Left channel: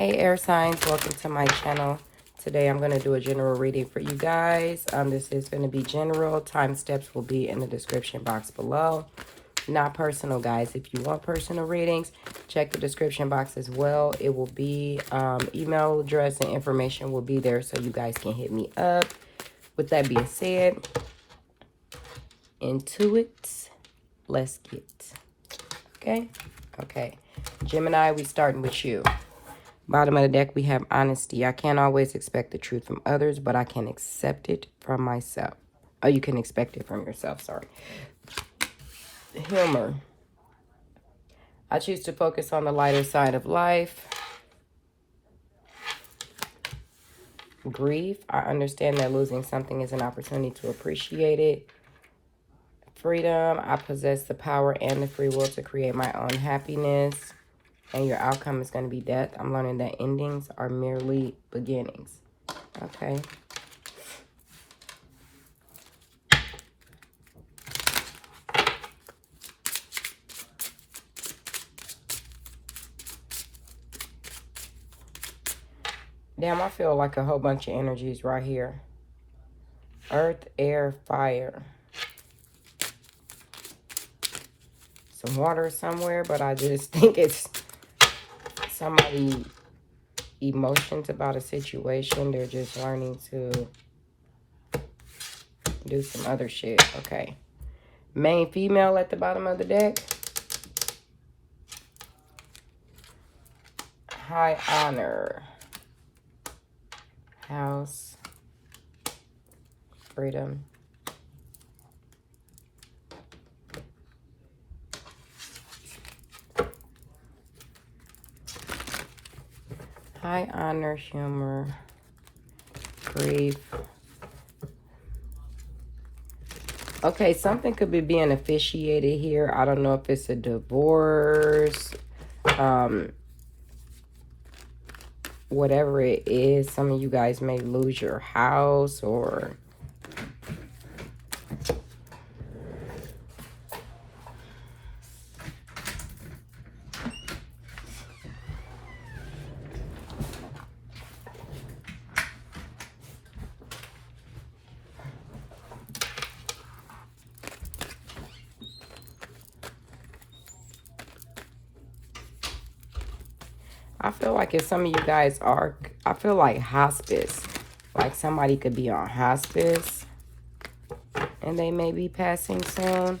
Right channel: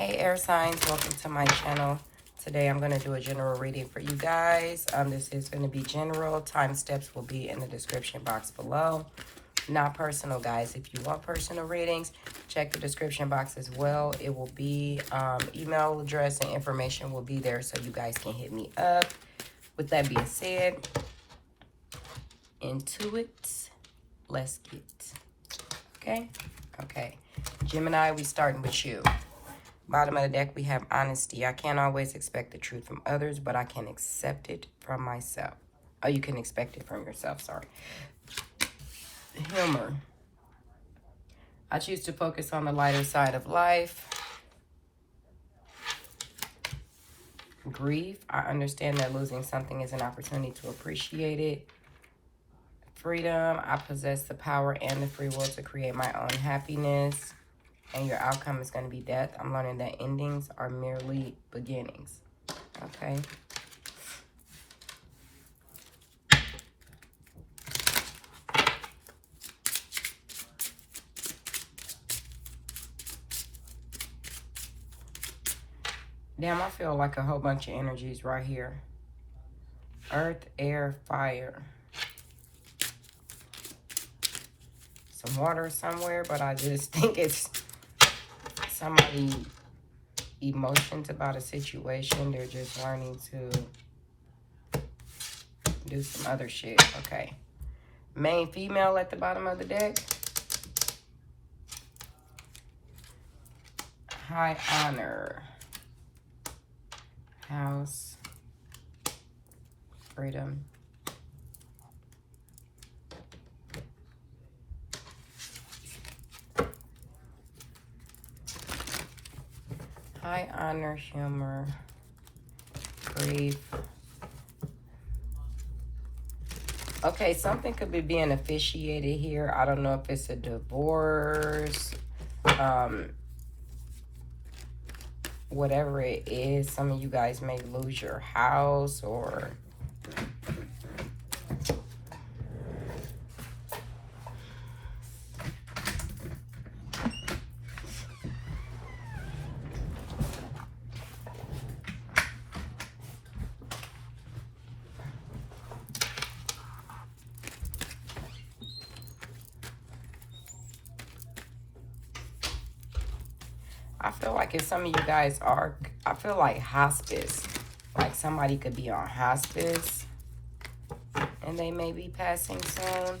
Hey air signs, welcome to my channel. Today I'm going to do a general reading for you guys. This is going to be general. Time steps will be in the description box below. Not personal, guys. If you want personal readings, check the description box as well. It will be email address and information will be there so you guys can hit me up. With that being said, into it, let's get. Okay. Gemini, we starting with you. Bottom of the deck, we have honesty. I can't always expect the truth from others, but I can accept it from myself. Oh, you can expect it from yourself, sorry. Humor. I choose to focus on the lighter side of life. Grief. I understand that losing something is an opportunity to appreciate it. Freedom. I possess the power and the free will to create my own happiness. And your outcome is going to be death. I'm learning that endings are merely beginnings. Okay. Damn, I feel like a whole bunch of energies right here. Earth, air, fire. Some water somewhere, but I just think it's somebody emotions about a situation. They're just learning to do some other shit. Okay. Main female at the bottom of the deck. High honor. House. Freedom. High honor, humor, grief. Okay, something could be being officiated here. I don't know if it's a divorce. Whatever it is, some of you guys may lose your house or... I feel like if some of you guys are, I feel like hospice. Like somebody could be on hospice and they may be passing soon.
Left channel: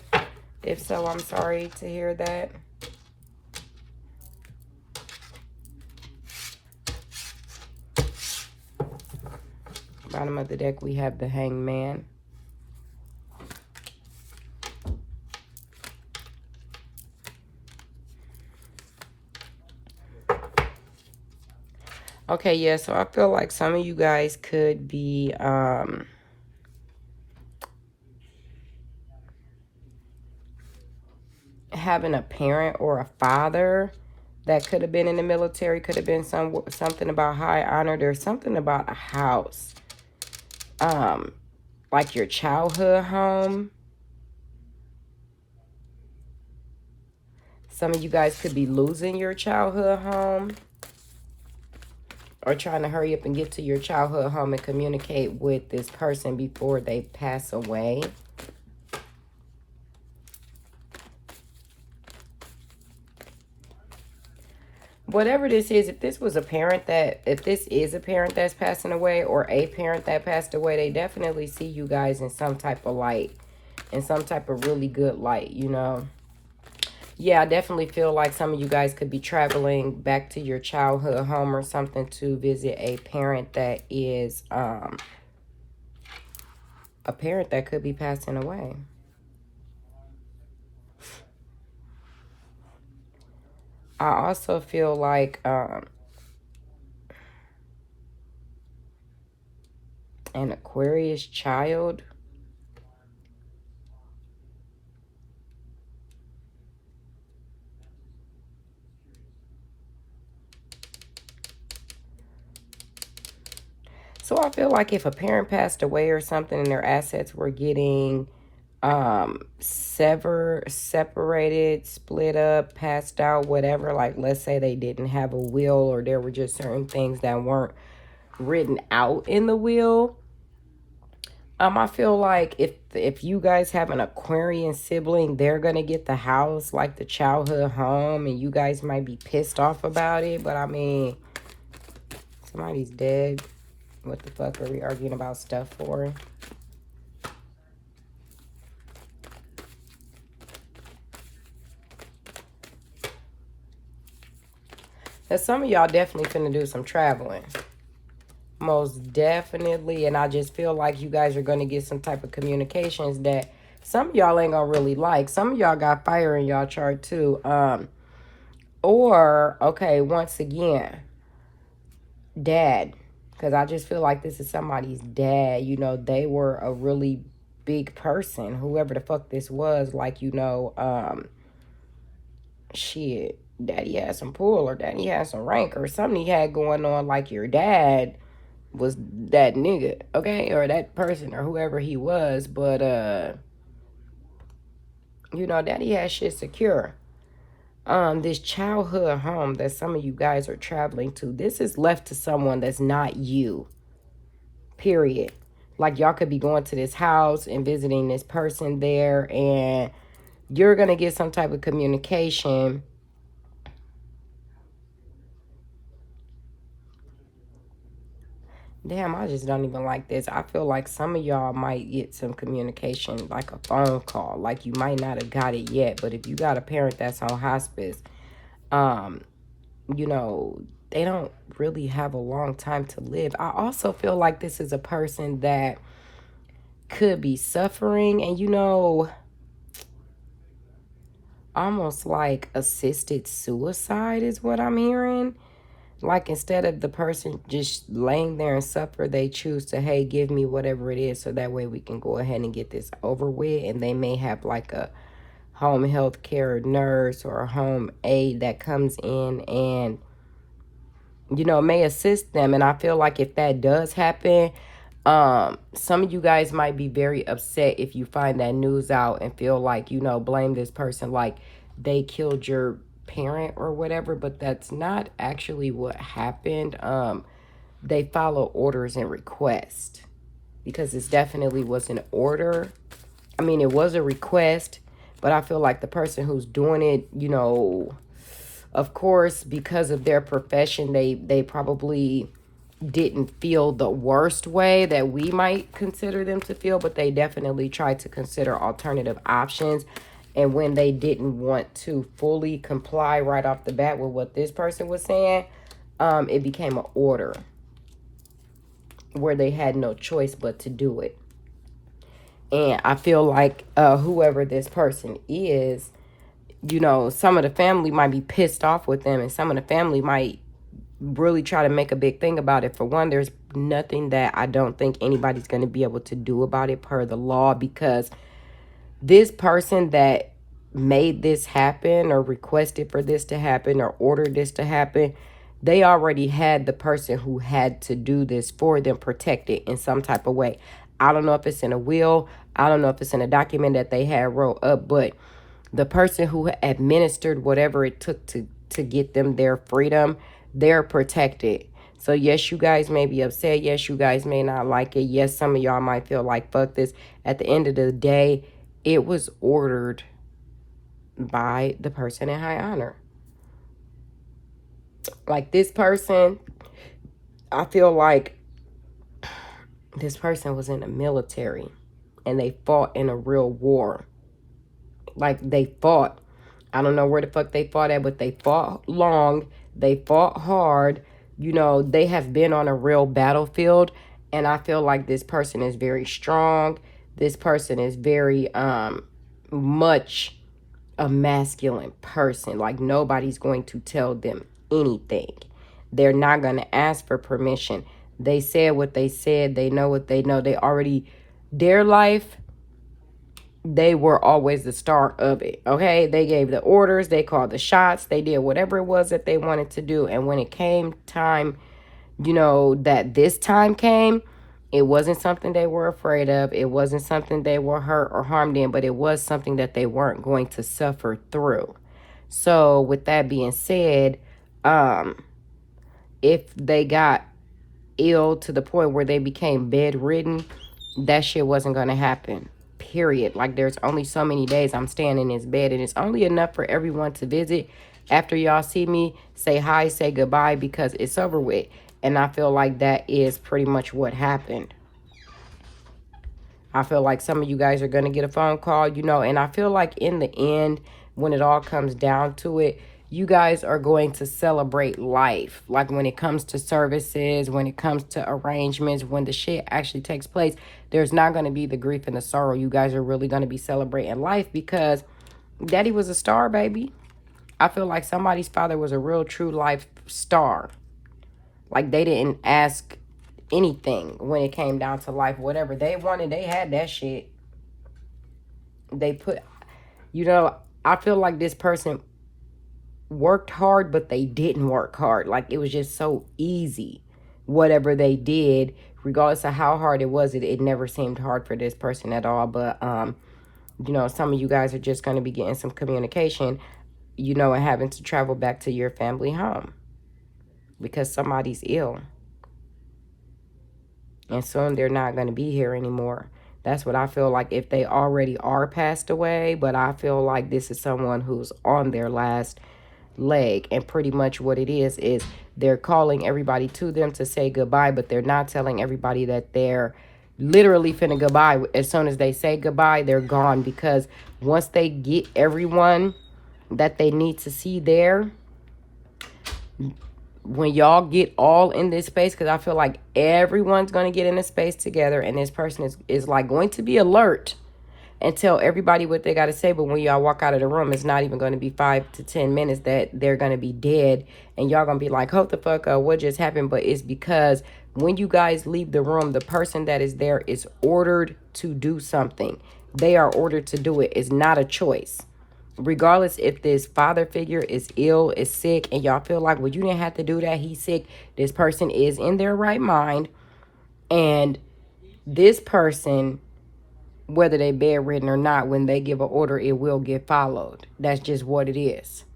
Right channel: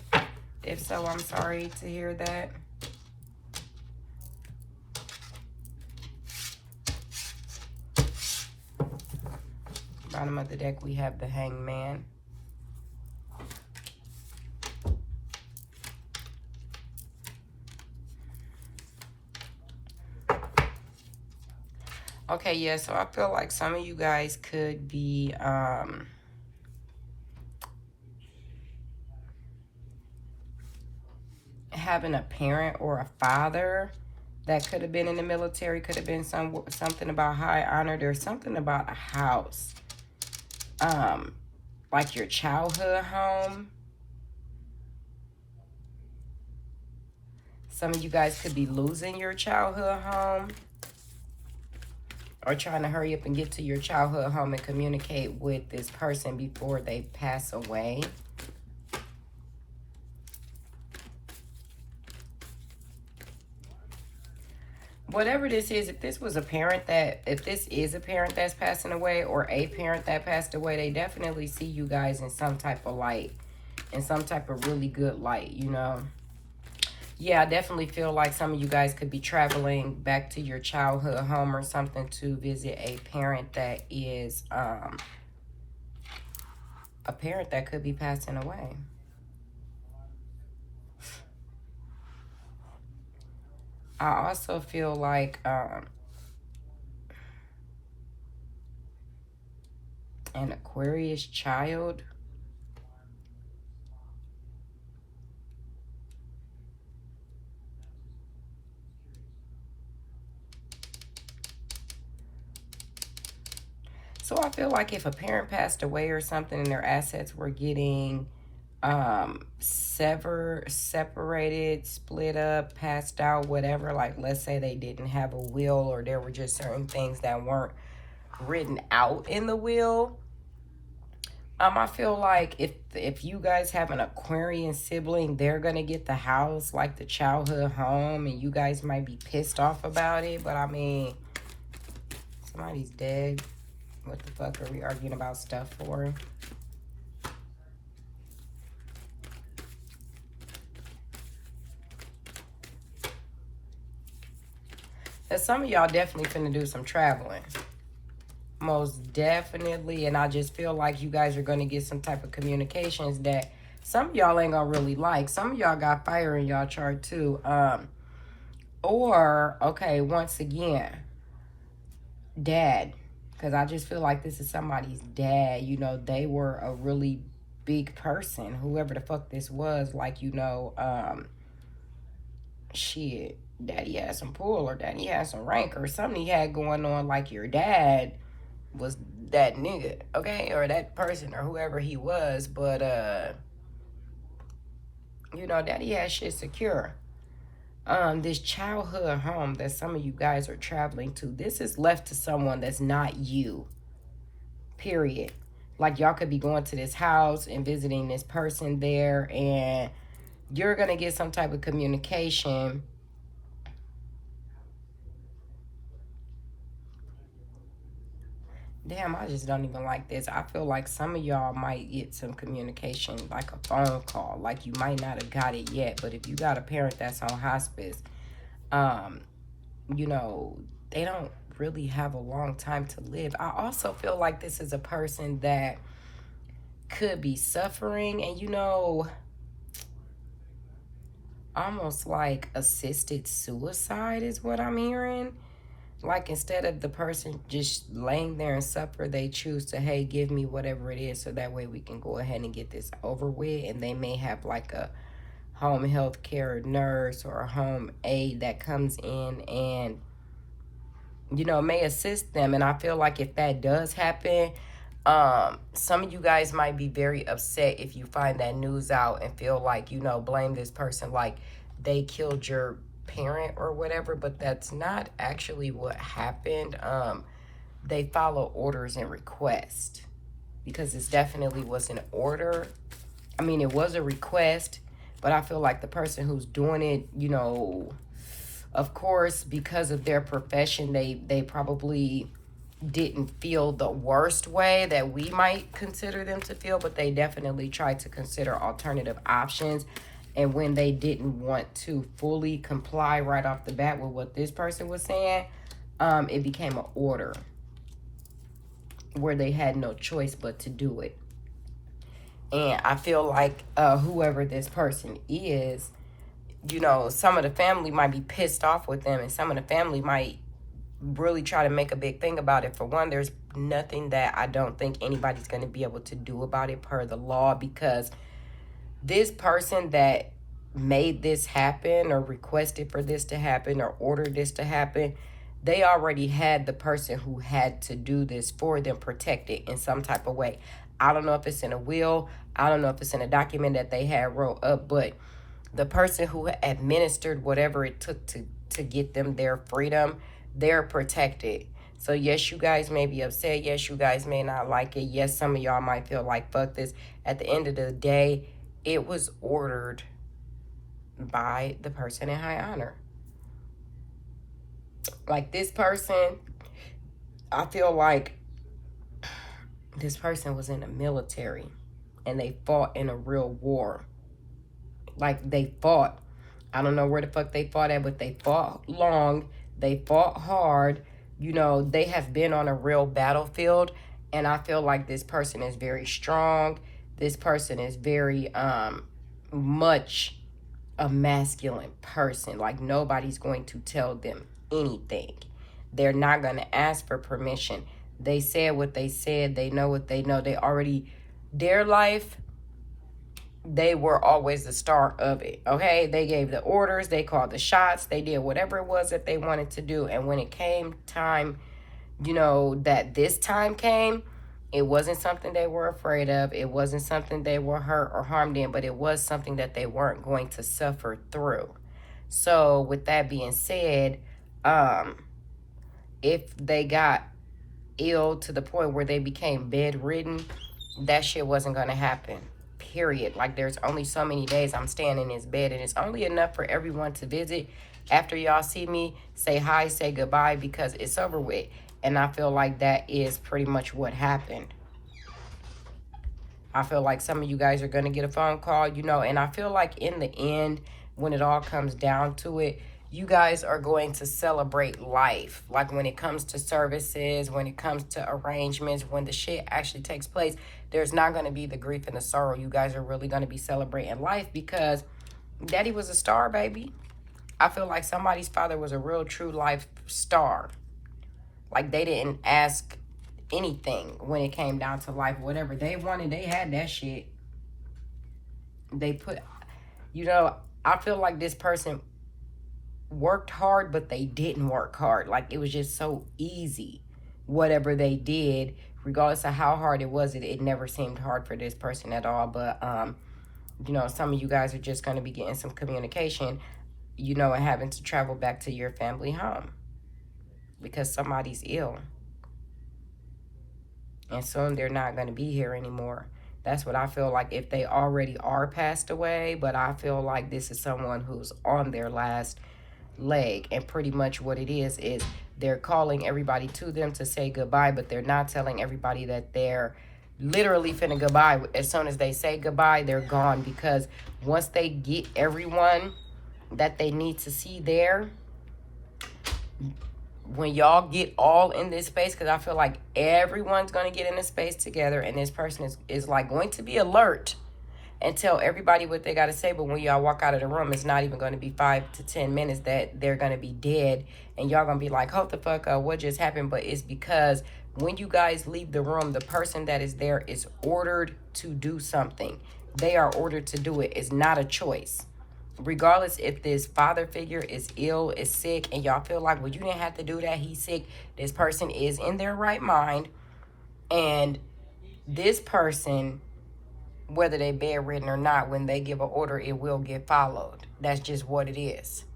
If so, I'm sorry to hear that. Bottom of the deck, we have the Hangman. Okay, yeah, so I feel like some of you guys could be having a parent or a father that could have been in the military, could have been something about high honor. There's something about a house, like your childhood home. Some of you guys could be losing your childhood home or trying to hurry up and get to your childhood home and communicate with this person before they pass away. Whatever this is, if this was a parent that, if this is a parent that's passing away or a parent that passed away, they definitely see you guys in some type of light, in some type of really good light, you know. Yeah, I definitely feel like some of you guys could be traveling back to your childhood home or something to visit a parent that is, a parent that could be passing away. I also feel like, an Aquarius child. So I feel like if a parent passed away or something and their assets were getting separated, split up, passed out, whatever. Like, let's say they didn't have a will, or there were just certain things that weren't written out in the will. I feel like if you guys have an Aquarian sibling, they're gonna get the house, like the childhood home, and you guys might be pissed off about it. But I mean, somebody's dead. What the fuck are we arguing about stuff for? That some of y'all definitely finna do some traveling. Most definitely. And I just feel like you guys are going to get some type of communications that some of y'all ain't going to really like. Some of y'all got fire in y'all chart too. Or, okay, once again, dad. Because I just feel like this is somebody's dad. You know, they were a really big person. Whoever the fuck this was, like, you know, shit, daddy had some pull, or daddy had some rank, or something he had going on, like your dad was that nigga, okay, or that person, or whoever he was. But you know, daddy had shit secure. This childhood home that some of you guys are traveling to, this is left to someone that's not you, period. Like, y'all could be going to this house and visiting this person there, and you're gonna get some type of communication. Damn, I just don't even like this. I feel like some of y'all might get some communication, like a phone call. Like, you might not have got it yet, but if you got a parent that's on hospice, you know, they don't really have a long time to live. I also feel like this is a person that could be suffering, and, you know, almost like assisted suicide is what I'm hearing. Like, instead of the person just laying there and suffer, they choose to, hey, give me whatever it is, so that way we can go ahead and get this over with. And they may have like a home health care nurse or a home aide that comes in and, you know, may assist them. And I feel like if that does happen, some of you guys might be very upset if you find that news out and feel like, you know, blame this person like they killed your parent or whatever, but that's not actually what happened. They follow orders and request, because this definitely was an order. I mean, it was a request, but I feel like the person who's doing it, you know, of course, because of their profession, they probably didn't feel the worst way that we might consider them to feel, but they definitely tried to consider alternative options. And when they didn't want to fully comply right off the bat with what this person was saying, it became an order where they had no choice but to do it. And I feel like whoever this person is, you know, some of the family might be pissed off with them, and some of the family might really try to make a big thing about it. For one, there's nothing that I don't think anybody's going to be able to do about it per the law, because this person that made this happen or requested for this to happen or ordered this to happen, they already had the person who had to do this for them protected in some type of way. I don't know if it's in a will. I don't know if it's in a document that they had wrote up, but the person who administered whatever it took to get them their freedom, they're protected. So yes, you guys may be upset. Yes, you guys may not like it. Yes, some of y'all might feel like, fuck this. At the end of the day, it was ordered by the person in high honor. Like, this person, I feel like this person was in the military and they fought in a real war. Like, they fought. I don't know where the fuck they fought at, but they fought long. They fought hard. You know, they have been on a real battlefield. And I feel like this person is very strong. This person is very much a masculine person. Like, nobody's going to tell them anything. They're not going to ask for permission. They said what they said. They know what they know. They already, their life, they were always the star of it, okay? They gave the orders. They called the shots. They did whatever it was that they wanted to do. And when it came time, you know, that this time came, It wasn't something they were afraid of. It wasn't something they were hurt or harmed in, but it was something that they weren't going to suffer through. So with that being said, if they got ill to the point where they became bedridden, that shit wasn't going to happen. Period. Like, there's only so many days I'm staying in this bed, and it's only enough for everyone to visit. After y'all see me, say hi, say goodbye, because it's over with. And I feel like that is pretty much what happened. I feel like some of you guys are going to get a phone call, you know, and I feel like in the end, when it all comes down to it, you guys are going to celebrate life. Like, when it comes to services, when it comes to arrangements, when the shit actually takes place, there's not going to be the grief and the sorrow. You guys are really going to be celebrating life because daddy was a star, baby. I feel like somebody's father was a real true life star. Like, they didn't ask anything when it came down to life. Whatever they wanted, they had that shit. They put, you know, I feel like this person worked hard, but they didn't work hard. Like, it was just so easy. Whatever they did, regardless of how hard it was, it never seemed hard for this person at all. But, you know, some of you guys are just going to be getting some communication, you know, and having to travel back to your family home because somebody's ill. And soon they're not going to be here anymore. That's what I feel like, if they already are passed away. But I feel like this is someone who's on their last leg. And pretty much what it is they're calling everybody to them to say goodbye. But they're not telling everybody that they're literally finna goodbye. As soon as they say goodbye, they're gone. Because once they get everyone that they need to see there, when y'all get all in this space, because I feel like everyone's going to get in a space together, and this person is like going to be alert and tell everybody what they got to say. But when y'all walk out of the room, it's not even going to be 5 to 10 minutes that they're going to be dead, and y'all going to be like, hold the fuck up, what just happened? But it's because when you guys leave the room, the person that is there is ordered to do something. They are ordered to do it. It's not a choice. Regardless if this father figure is ill, is sick, and y'all feel like, well, you didn't have to do that, he's sick. This person is in their right mind. And this person, whether they bedridden or not, when they give an order, it will get followed. That's just what it is.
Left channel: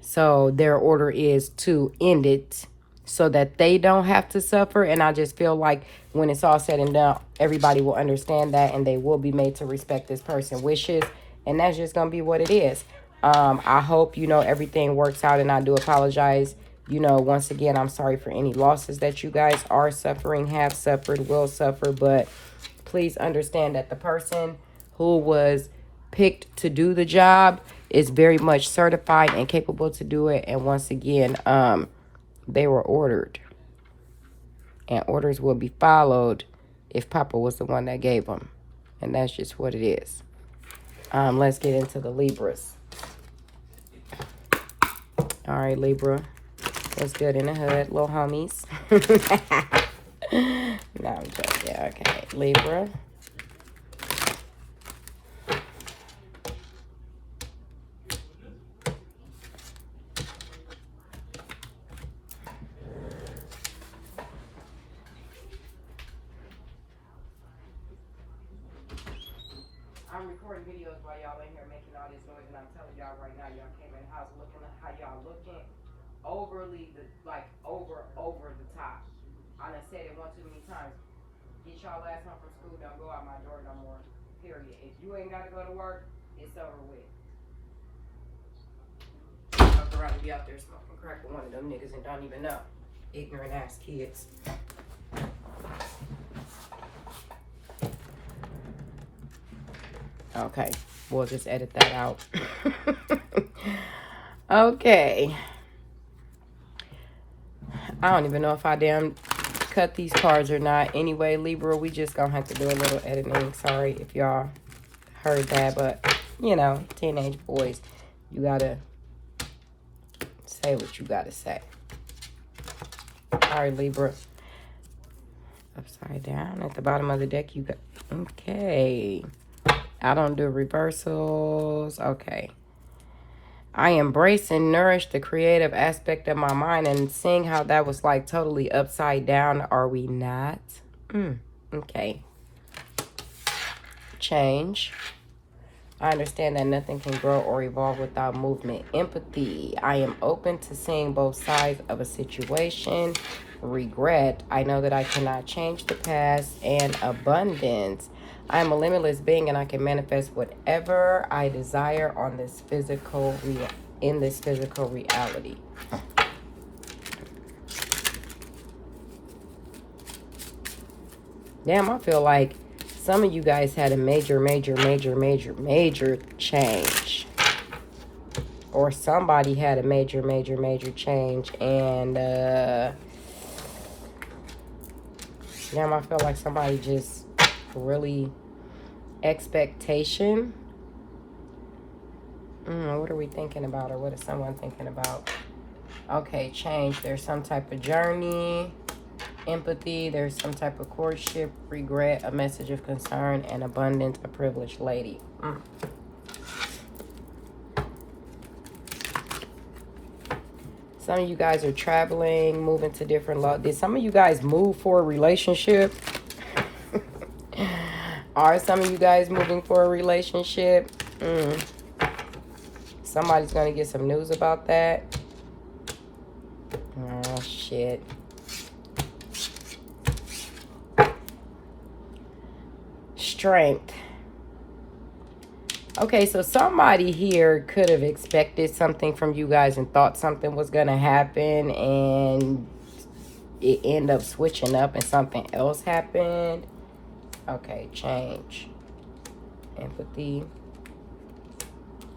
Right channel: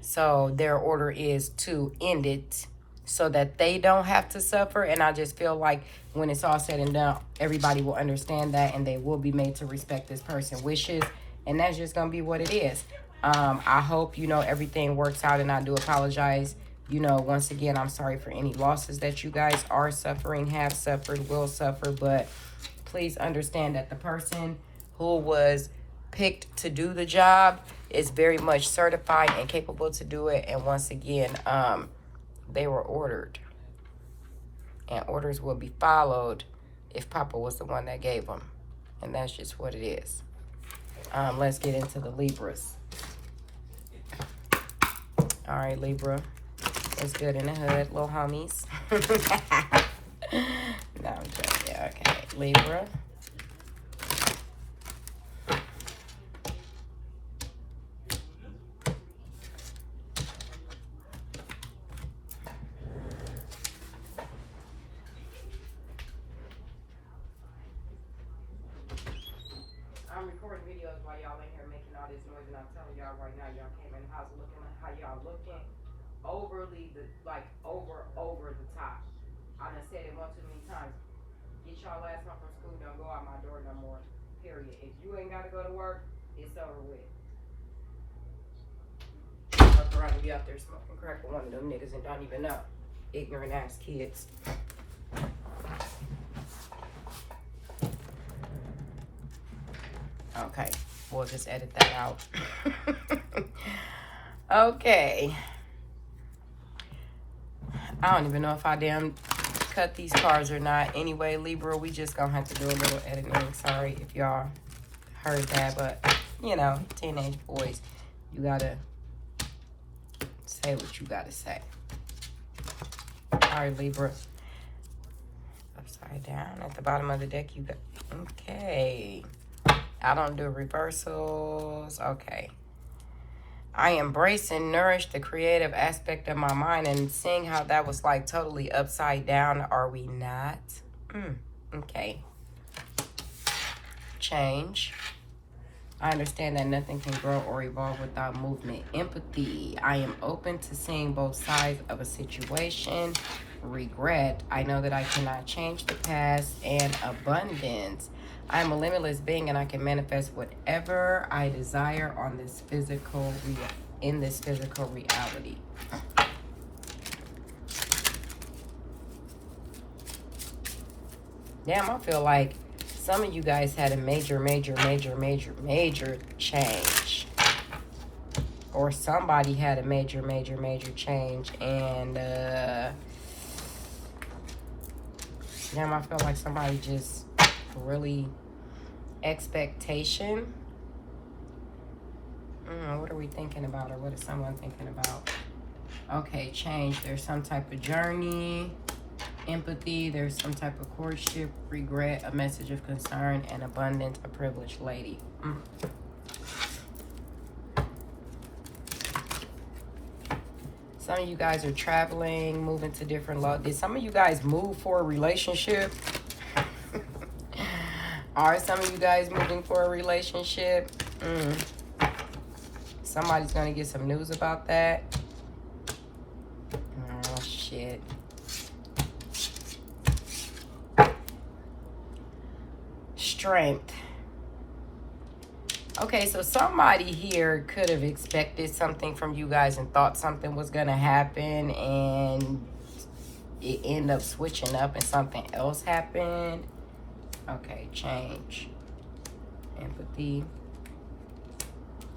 So their order is to end it so that they don't have to suffer. And I just feel like when it's all said and done, everybody will understand that, and they will be made to respect this person's wishes. And that's just going to be what it is. I hope, you know, everything works out, and I do apologize. You know, once again, I'm sorry for any losses that you guys are suffering, have suffered, will suffer. But please understand that the person who was picked to do the job is very much certified and capable to do it. And once again, they were ordered. And orders will be followed if Papa was the one that gave them. And that's just what it is. Let's get into the Libras. All right, Libra. What's good in the hood, little homies? No, I'm joking. Okay, Libra. I'm recording videos while y'all in here making all this noise, and I'm telling y'all right now, y'all came in the house looking at how y'all looking overly, over the top. I done said it one too many times. Get y'all ass home from school, don't go out my door no more, period. If you ain't gotta go to work, it's over with. Fuck around and be out there smoking crack with one of them niggas and don't even know. Ignorant ass kids. Okay, we'll just edit that out. Okay. I don't even know if I damn cut these cards or not. Anyway, Libra, we just gonna have to do a little editing. Sorry if y'all heard that, but, you know, teenage boys, you gotta say what you gotta say. All right, Libra. Upside down at the bottom of the deck, you got, okay. I don't do reversals. Okay. I embrace and nourish the creative aspect of my mind, and seeing how that was like totally upside down. Are we not? Okay. Change. I understand that nothing can grow or evolve without movement. Empathy. I am open to seeing both sides of a situation. Regret. I know that I cannot change the past. And abundance. I am a limitless being and I can manifest whatever I desire on this in this physical reality. Damn, I feel like some of you guys had a major change. Or somebody had a major change. And, damn, I feel like somebody just really expectation. What are we thinking about? Or what is someone thinking about? Okay, change. There's some type of journey. Empathy, there's some type of courtship, regret, a message of concern, and abundance, a privileged lady. Some of you guys are traveling, moving to different love. Did some of you guys move for a relationship? Are some of you guys moving for a relationship? Somebody's going to get some news about that. Oh, shit. Strength. Okay, so somebody here could have expected something from you guys and thought something was going to happen, and it ended up switching up and something else happened. Okay, change. Empathy.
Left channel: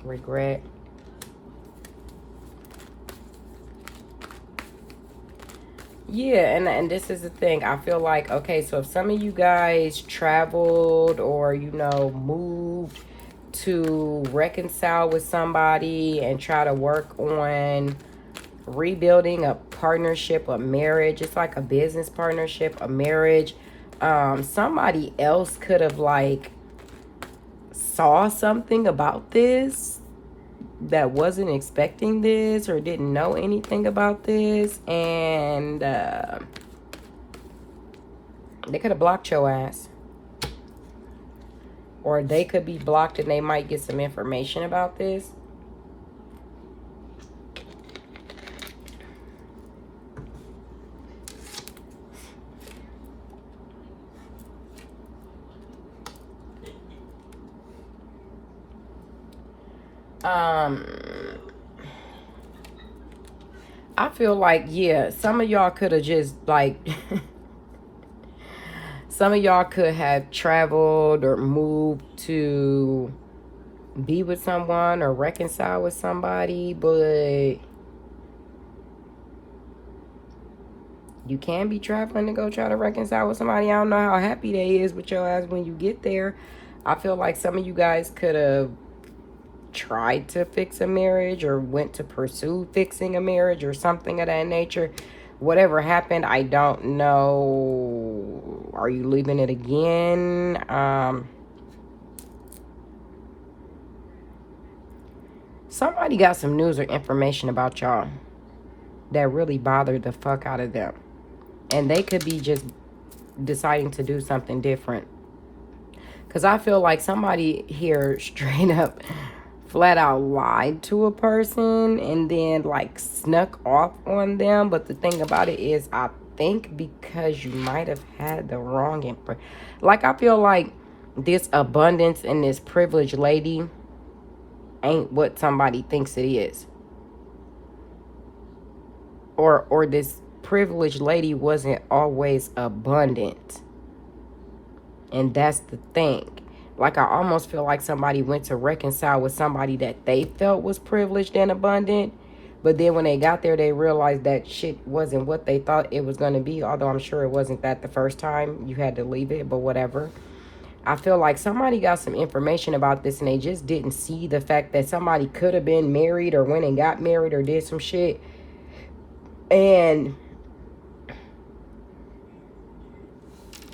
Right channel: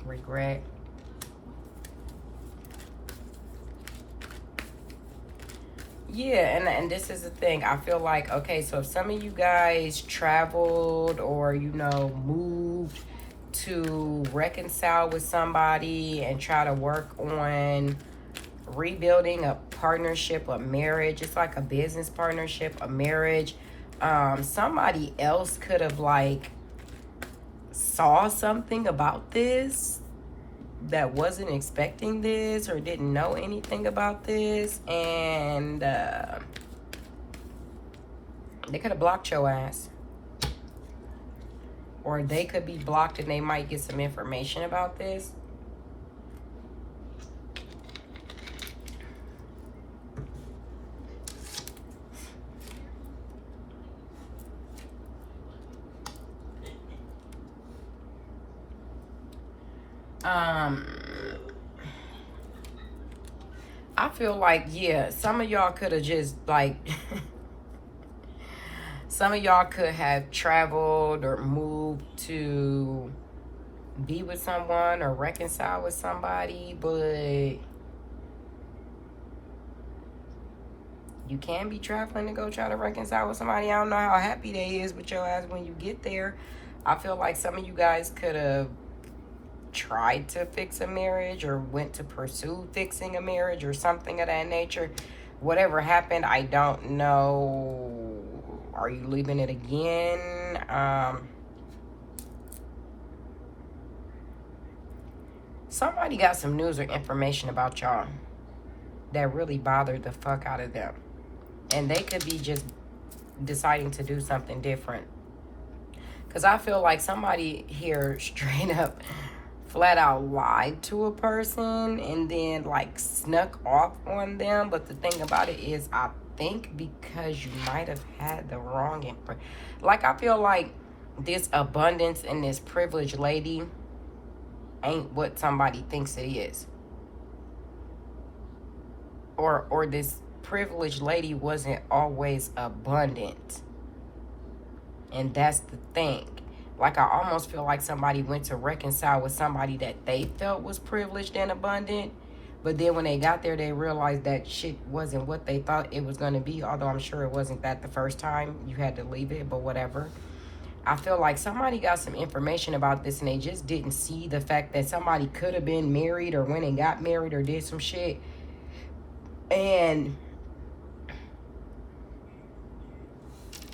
Regret. Yeah, and this is the thing. I feel like, okay, so if some of you guys traveled or, you know, moved to reconcile with somebody and try to work on rebuilding a partnership, a marriage. It's like a business partnership, a marriage. Somebody else could have, like, saw something about this that wasn't expecting this or didn't know anything about this, and they could have blocked your ass, or they could be blocked and they might get some information about this. I feel like, yeah, some of y'all could have just, like, some of y'all could have traveled or moved to be with someone or reconcile with somebody, but you can be traveling to go try to reconcile with somebody. I don't know how happy they is with your ass when you get there. I feel like some of you guys could have tried to fix a marriage or went to pursue fixing a marriage or something of that nature. Whatever happened, I don't know. Are you leaving it again? Somebody got some news or information about y'all that really bothered the fuck out of them, and they could be just deciding to do something different. Because I feel like somebody here straight up flat out lied to a person and then, like, snuck off on them. But the thing about it is, I think because you might have had the wrong information. Like, I feel like this abundance and this privileged lady ain't what somebody thinks it is. Or this privileged lady wasn't always abundant. And that's the thing. Like, I almost feel like somebody went to reconcile with somebody that they felt was privileged and abundant. But then when they got there, they realized that shit wasn't what they thought it was going to be. Although I'm sure it wasn't that the first time. You had to leave it, but whatever. I feel like somebody got some information about this and they just didn't see the fact that somebody could have been married or went and got married or did some shit. And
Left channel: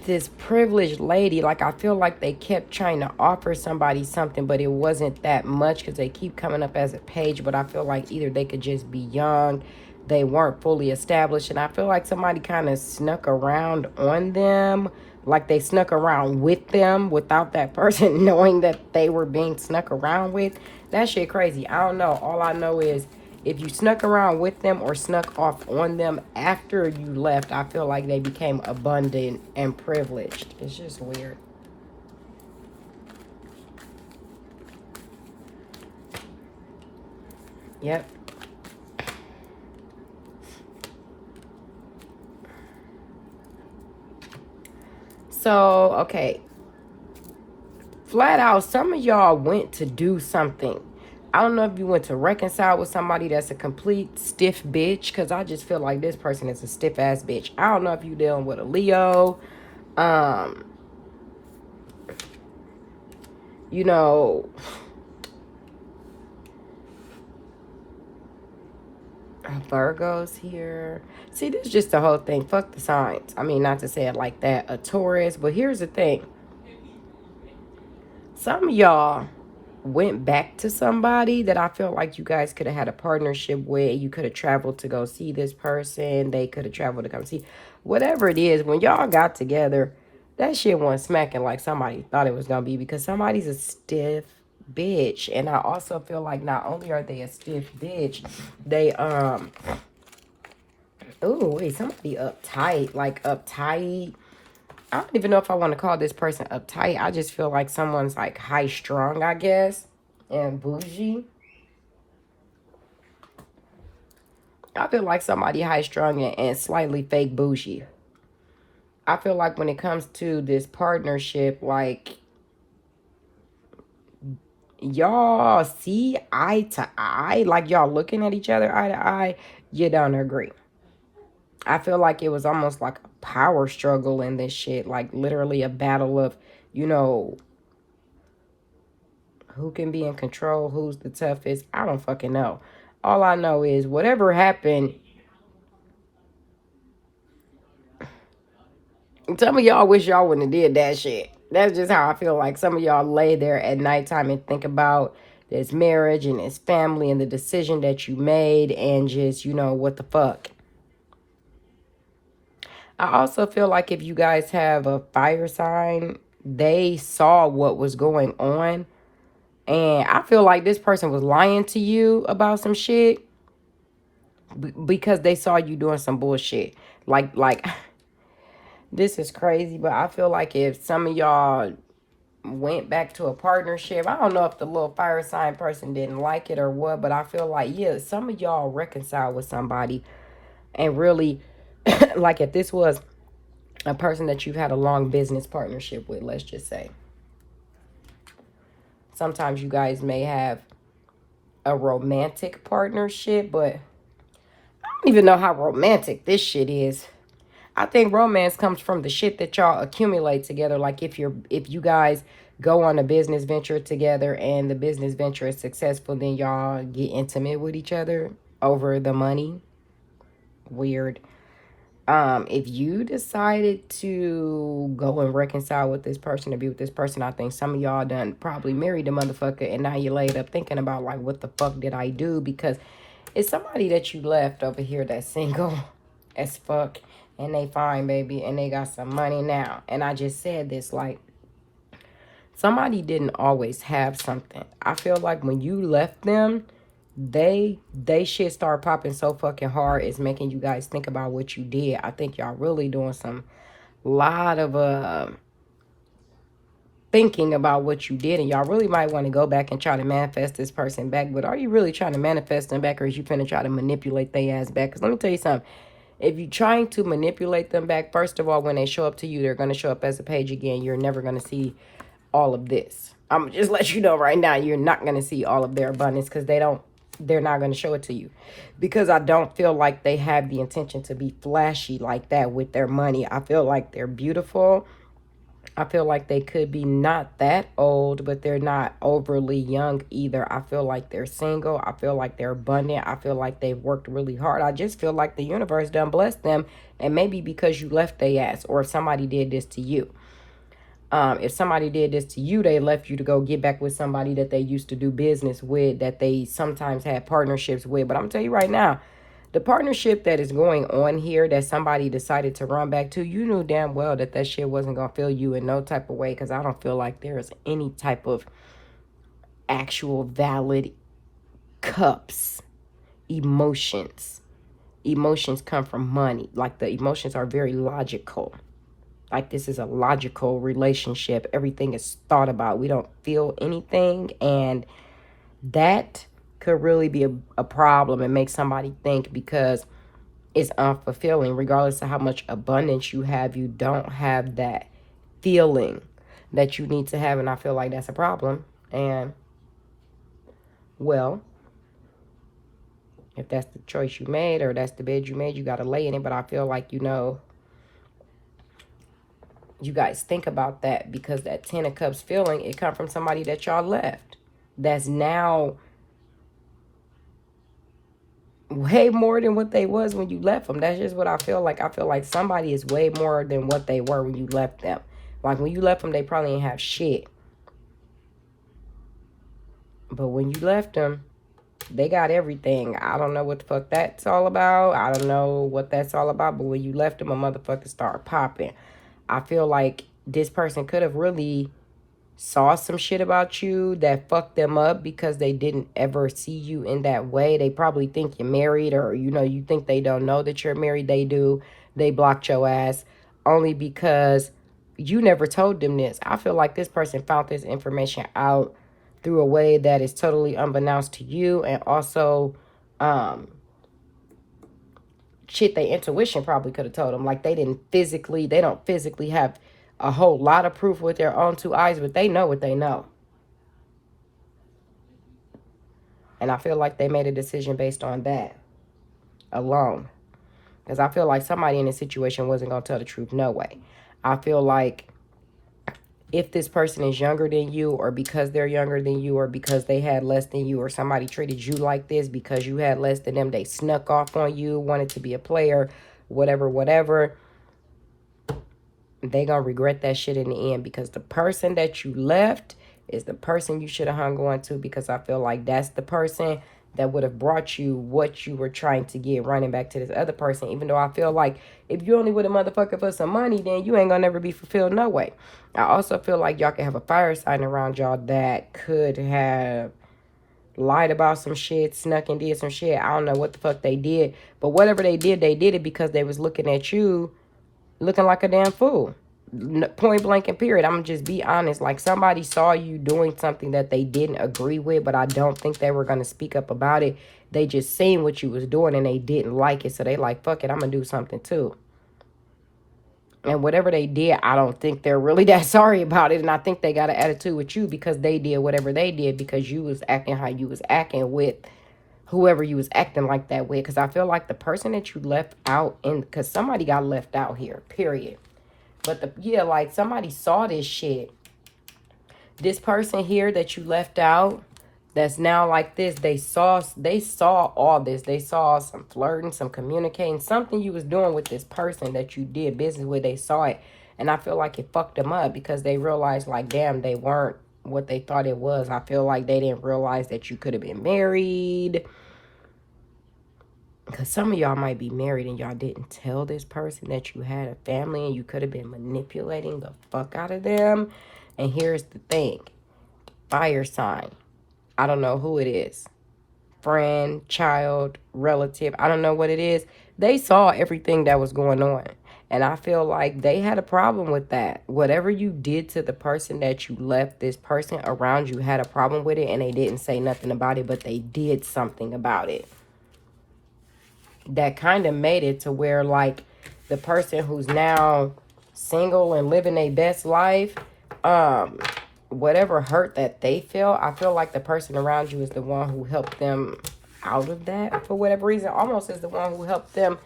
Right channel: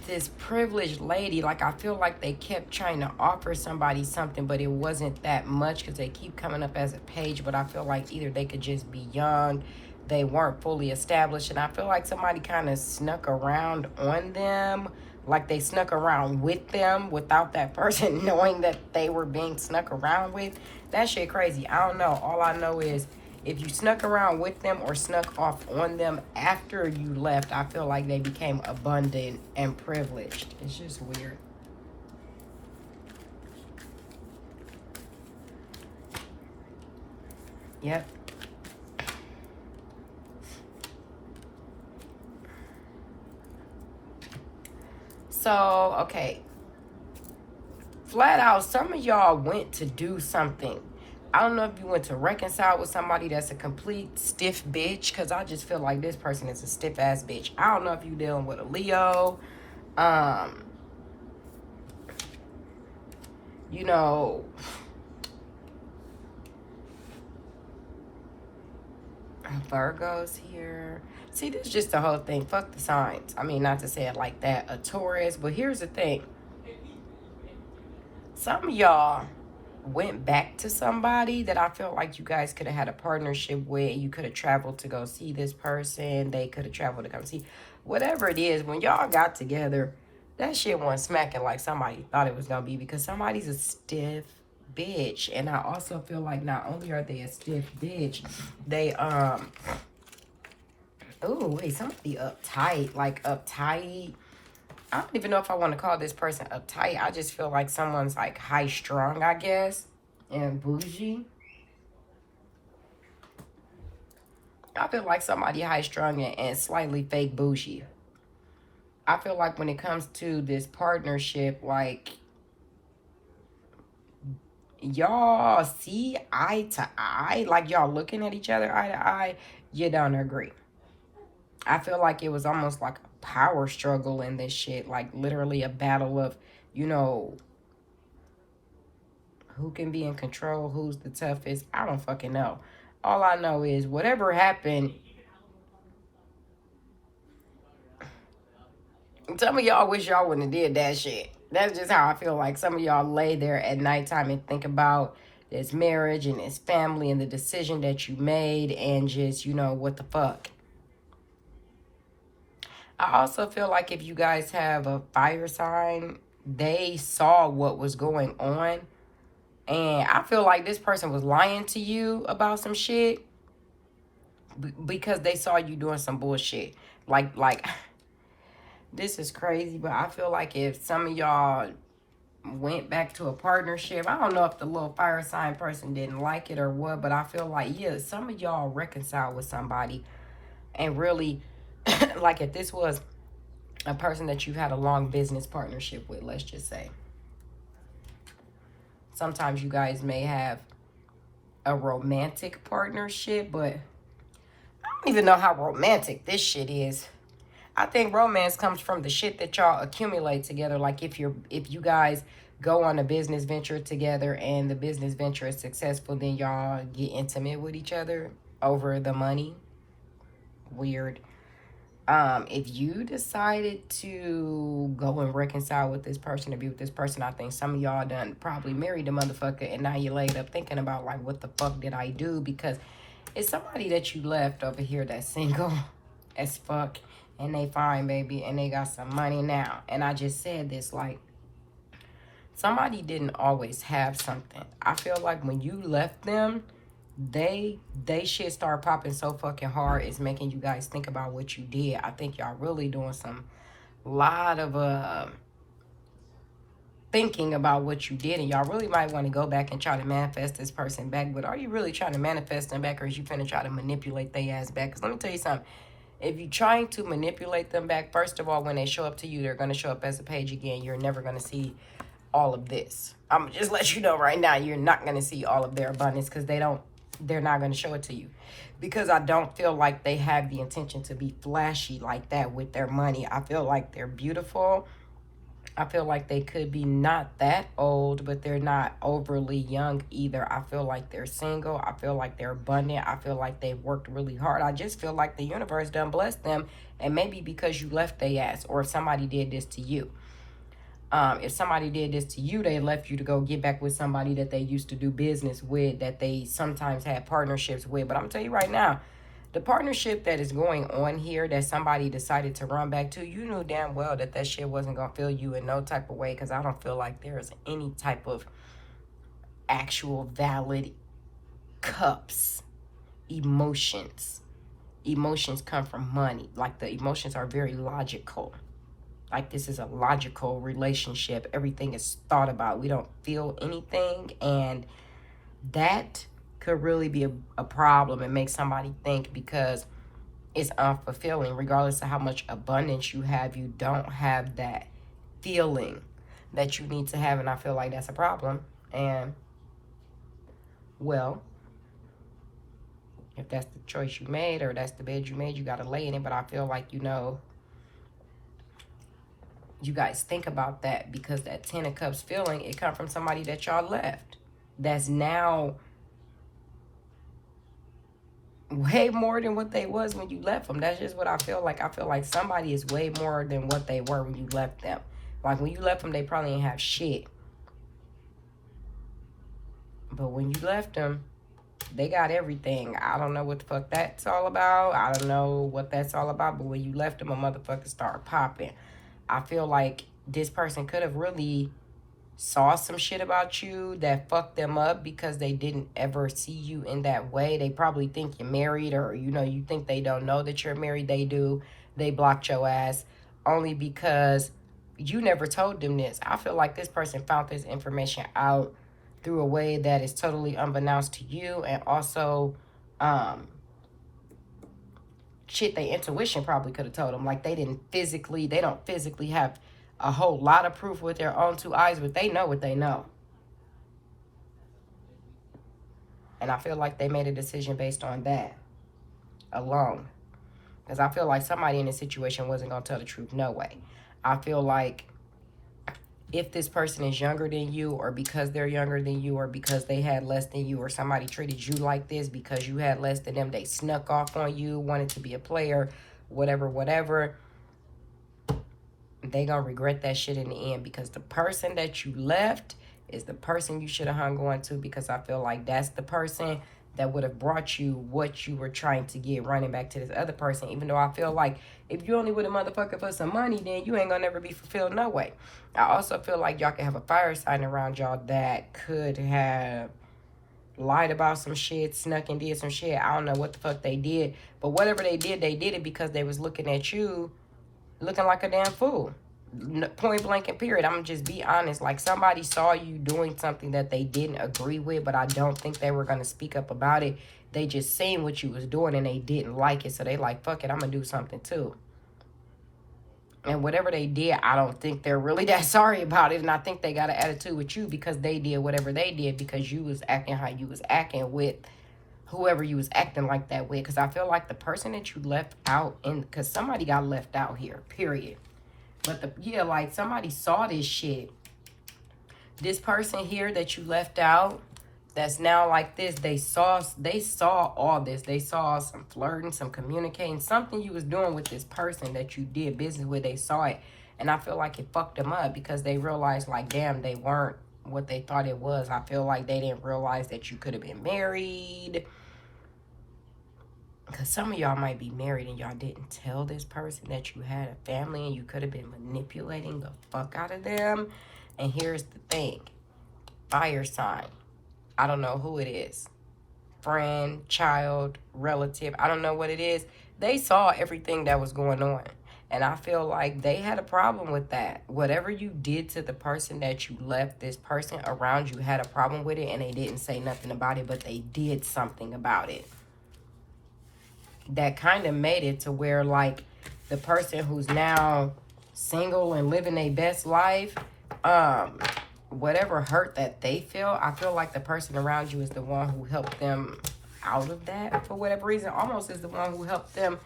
this privileged lady, like, I feel like they kept trying to offer somebody something, but it wasn't that much because they keep coming up as a page. But I feel like either they could just be young, they weren't fully established. And I feel like somebody kind of snuck around on them, like they snuck around with them without that person knowing that they were being snuck around with. That shit crazy. I don't know. All I know is if you snuck around with them or snuck off on them after you left, I feel like they became abundant and privileged. It's just weird. Yep. So, okay. Flat out, some of y'all went to do something. I don't know if you went to reconcile with somebody that's a complete stiff bitch, because I just feel like this person is a stiff ass bitch. I don't know if you dealing with a Leo. You know, Virgo's here. See, this is just the whole thing. Fuck the signs. I mean, not to say it like that, a Taurus. But here's the thing. Some of y'all went back to somebody that I feel like you guys could have had a partnership with. You could have traveled to go see this person. They could have traveled to come see. Whatever it is, when y'all got together, that shit wasn't smacking like somebody thought it was going to be, because somebody's a stiff bitch. And I also feel like not only are they a stiff bitch, they, ooh, wait, somebody uptight, like uptight. I don't even know if I want to call this person uptight. I just feel like someone's like high strung, I guess, and bougie. I feel like somebody high strung and slightly fake bougie. I feel like when it comes to this partnership, like, y'all see eye to eye, like y'all looking at each other eye to eye, you don't agree. I feel like it was almost like a power struggle in this shit. Like literally a battle of, you know, who can be in control, who's the toughest. I don't fucking know. All I know is whatever happened, some of y'all wish y'all wouldn't have did that shit. That's just how I feel like some of y'all lay there at nighttime and think about this marriage and this family and the decision that you made and just, you know, what the fuck. I also feel like if you guys have a fire sign, they saw what was going on. And I feel like this person was lying to you about some shit because they saw you doing some bullshit. Like this is crazy, but I feel like if some of y'all went back to a partnership, I don't know if the little fire sign person didn't like it or what, but I feel like, yeah, some of y'all reconciled with somebody and really, like if this was a person that you've had a long business partnership with, let's just say. Sometimes you guys may have a romantic partnership, but I don't even know how romantic this shit is. I think romance comes from the shit that y'all accumulate together. Like if you guys go on a business venture together and the business venture is successful, then y'all get intimate with each other over the money. Weird. If you decided to go and reconcile with this person or be with this person, I think some of y'all done probably married the motherfucker and now you laid up thinking about like, what the fuck did I do? Because it's somebody that you left over here that's single as fuck and they fine, baby, and they got some money now. And I just said this, like, somebody didn't always have something. I feel like when you left them, they shit start popping so fucking hard, it's making you guys think about what you did. I think y'all really doing some lot of thinking about what you did, and y'all really might want to go back and try to manifest this person back. But are you really trying to manifest them back, or is you finna try to manipulate their ass back? Because let me tell you something, if you're trying to manipulate them back, first of all, when they show up to you, they're going to show up as a page again. You're never going to see all of this. I'm just let you know right now, you're not going to see all of their abundance because they're not going to show it to you, because I don't feel like they have the intention to be flashy like that with their money. I feel like they're beautiful. I feel like they could be not that old, but they're not overly young either. I feel like they're single. I feel like they're abundant. I feel like they've worked really hard. I just feel like the universe done blessed them, and maybe because you left their ass, or if somebody did this to you. If somebody did this to you, they left you to go get back with somebody that they used to do business with, that they sometimes had partnerships with. But I'm going to tell you right now, The partnership that is going on here that somebody decided to run back to, you knew damn well that that shit wasn't going to fill you in no type of way, because I don't feel like there is any type of actual valid cups, emotions. Emotions come from money. Like, the emotions are very logical. Like, this is a logical relationship. Everything is thought about. We don't feel anything, and that could really be a problem and make somebody think, because it's unfulfilling. Regardless of how much abundance you have, you don't have that feeling that you need to have, and I feel like that's a problem. And, well, if that's the choice you made, or that's the bed you made, you got to lay in it. But I feel like, you know, you guys think about that, because that 10 of Cups feeling, it come from somebody that y'all left. That's now way more than what they was when you left them. That's just what I feel like. I feel like somebody is way more than what they were when you left them. Like, when you left them, they probably didn't have shit. But when you left them, they got everything. I don't know what the fuck that's all about. I don't know what that's all about. But when you left them, a motherfucker started popping. I feel like this person could have really saw some shit about you that fucked them up, because they didn't ever see you in that way. They probably think you're married, or, you know, you think they don't know that you're married. They do. They blocked your ass only because you never told them this. I feel like this person found this information out through a way that is totally unbeknownst to you, and also shit their intuition probably could have told them. Like, they don't physically have a whole lot of proof with their own two eyes, but they know what they know. And I feel like they made a decision based on that alone. Because I feel like somebody in this situation wasn't going to tell the truth. No way. I feel like if this person is younger than you, or because they're younger than you, or because they had less than you, or somebody treated you like this because you had less than them, they snuck off on you, wanted to be a player, whatever, they gonna regret that shit in the end, because the person that you left is the person you should have hung on to, because I feel like that's the person that would have brought you what you were trying to get, running back to this other person. Even though I feel like if you only with a motherfucker for some money, then you ain't gonna never be fulfilled no way. I also feel like y'all can have a fire sign around y'all that could have lied about some shit, snuck and did some shit. I don't know what the fuck they did, but whatever they did it because they was looking at you looking like a damn fool. Point blank and period. I'm gonna just be honest. Like, somebody saw you doing something that they didn't agree with, but I don't think they were gonna speak up about it. They just seen what you was doing and they didn't like it, so they like, fuck it, I'm gonna do something too. And whatever they did, I don't think they're really that sorry about it. And I think they got an attitude with you because they did whatever they did, because you was acting how you was acting with whoever you was acting like that with. Because I feel like the person that you left out, because somebody got left out here, period. But like, somebody saw this shit. This person here that you left out, that's now like this, they saw all this. They saw some flirting, some communicating, something you was doing with this person that you did business with. They saw it, and I feel like it fucked them up, because they realized, like, damn, they weren't what they thought it was. I feel like they didn't realize that you could have been married. Because some of y'all might be married and y'all didn't tell this person that you had a family, and you could have been manipulating the fuck out of them. And here's the thing. Fire sign. I don't know who it is. Friend, child, relative. I don't know what it is. They saw everything that was going on. And I feel like they had a problem with that. Whatever you did to the person that you left, this person around you had a problem with it, and they didn't say nothing about it, but they did something about it. That kind of made it to where, like, the person who's now single and living their best life, whatever hurt that they feel, I feel like the person around you is the one who helped them out of that for whatever reason. Almost is the one who helped them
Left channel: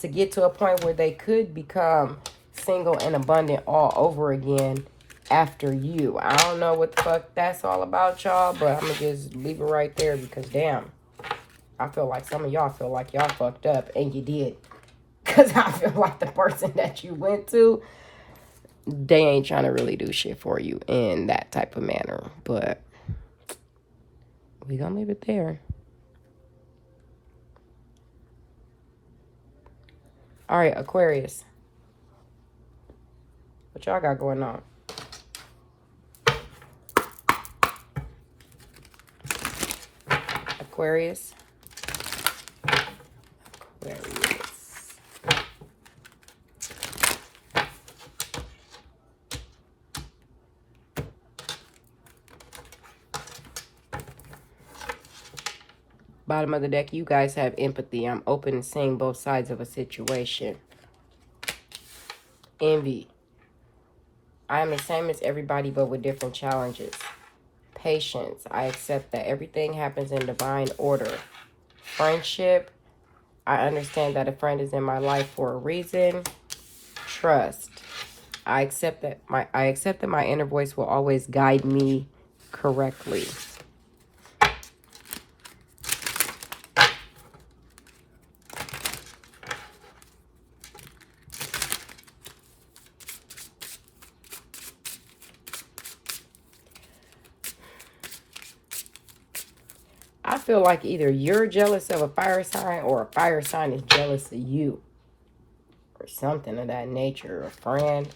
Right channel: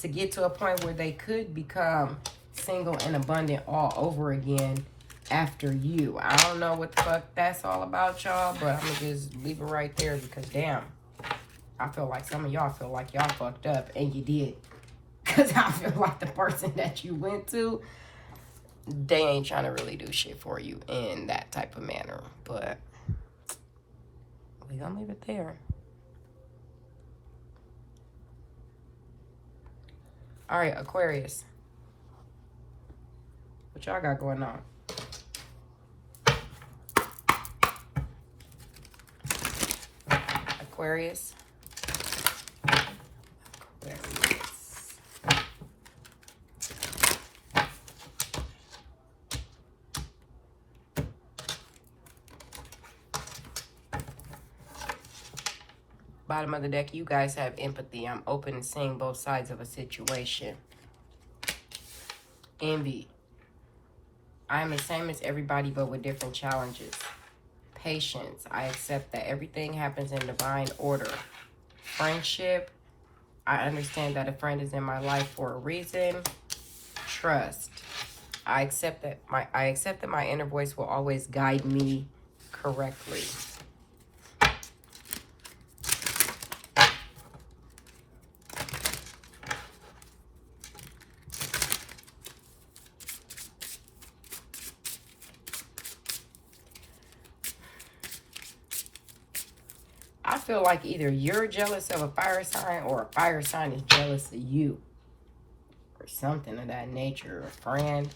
to get to a point where they could become single and abundant all over again after you. I don't know what the fuck that's all about, y'all, but I'm gonna just leave it right there, because damn, I feel like some of y'all feel like y'all fucked up, and you did. Because I feel like the person that you went to, they ain't trying to really do shit for you in that type of manner. But we gonna leave it there. All right, Aquarius. What y'all got going on? Aquarius. Aquarius. Bottom of the deck, you guys have empathy. I'm open to seeing both sides of a situation. Envy. I am the same as everybody, but with different challenges. Patience. I accept that everything happens in divine order. Friendship. I understand that a friend is in my life for a reason. Trust. I accept that my inner voice will always guide me correctly. I feel like either you're jealous of a fire sign or a fire sign is jealous of you. Or something of that nature. A friend.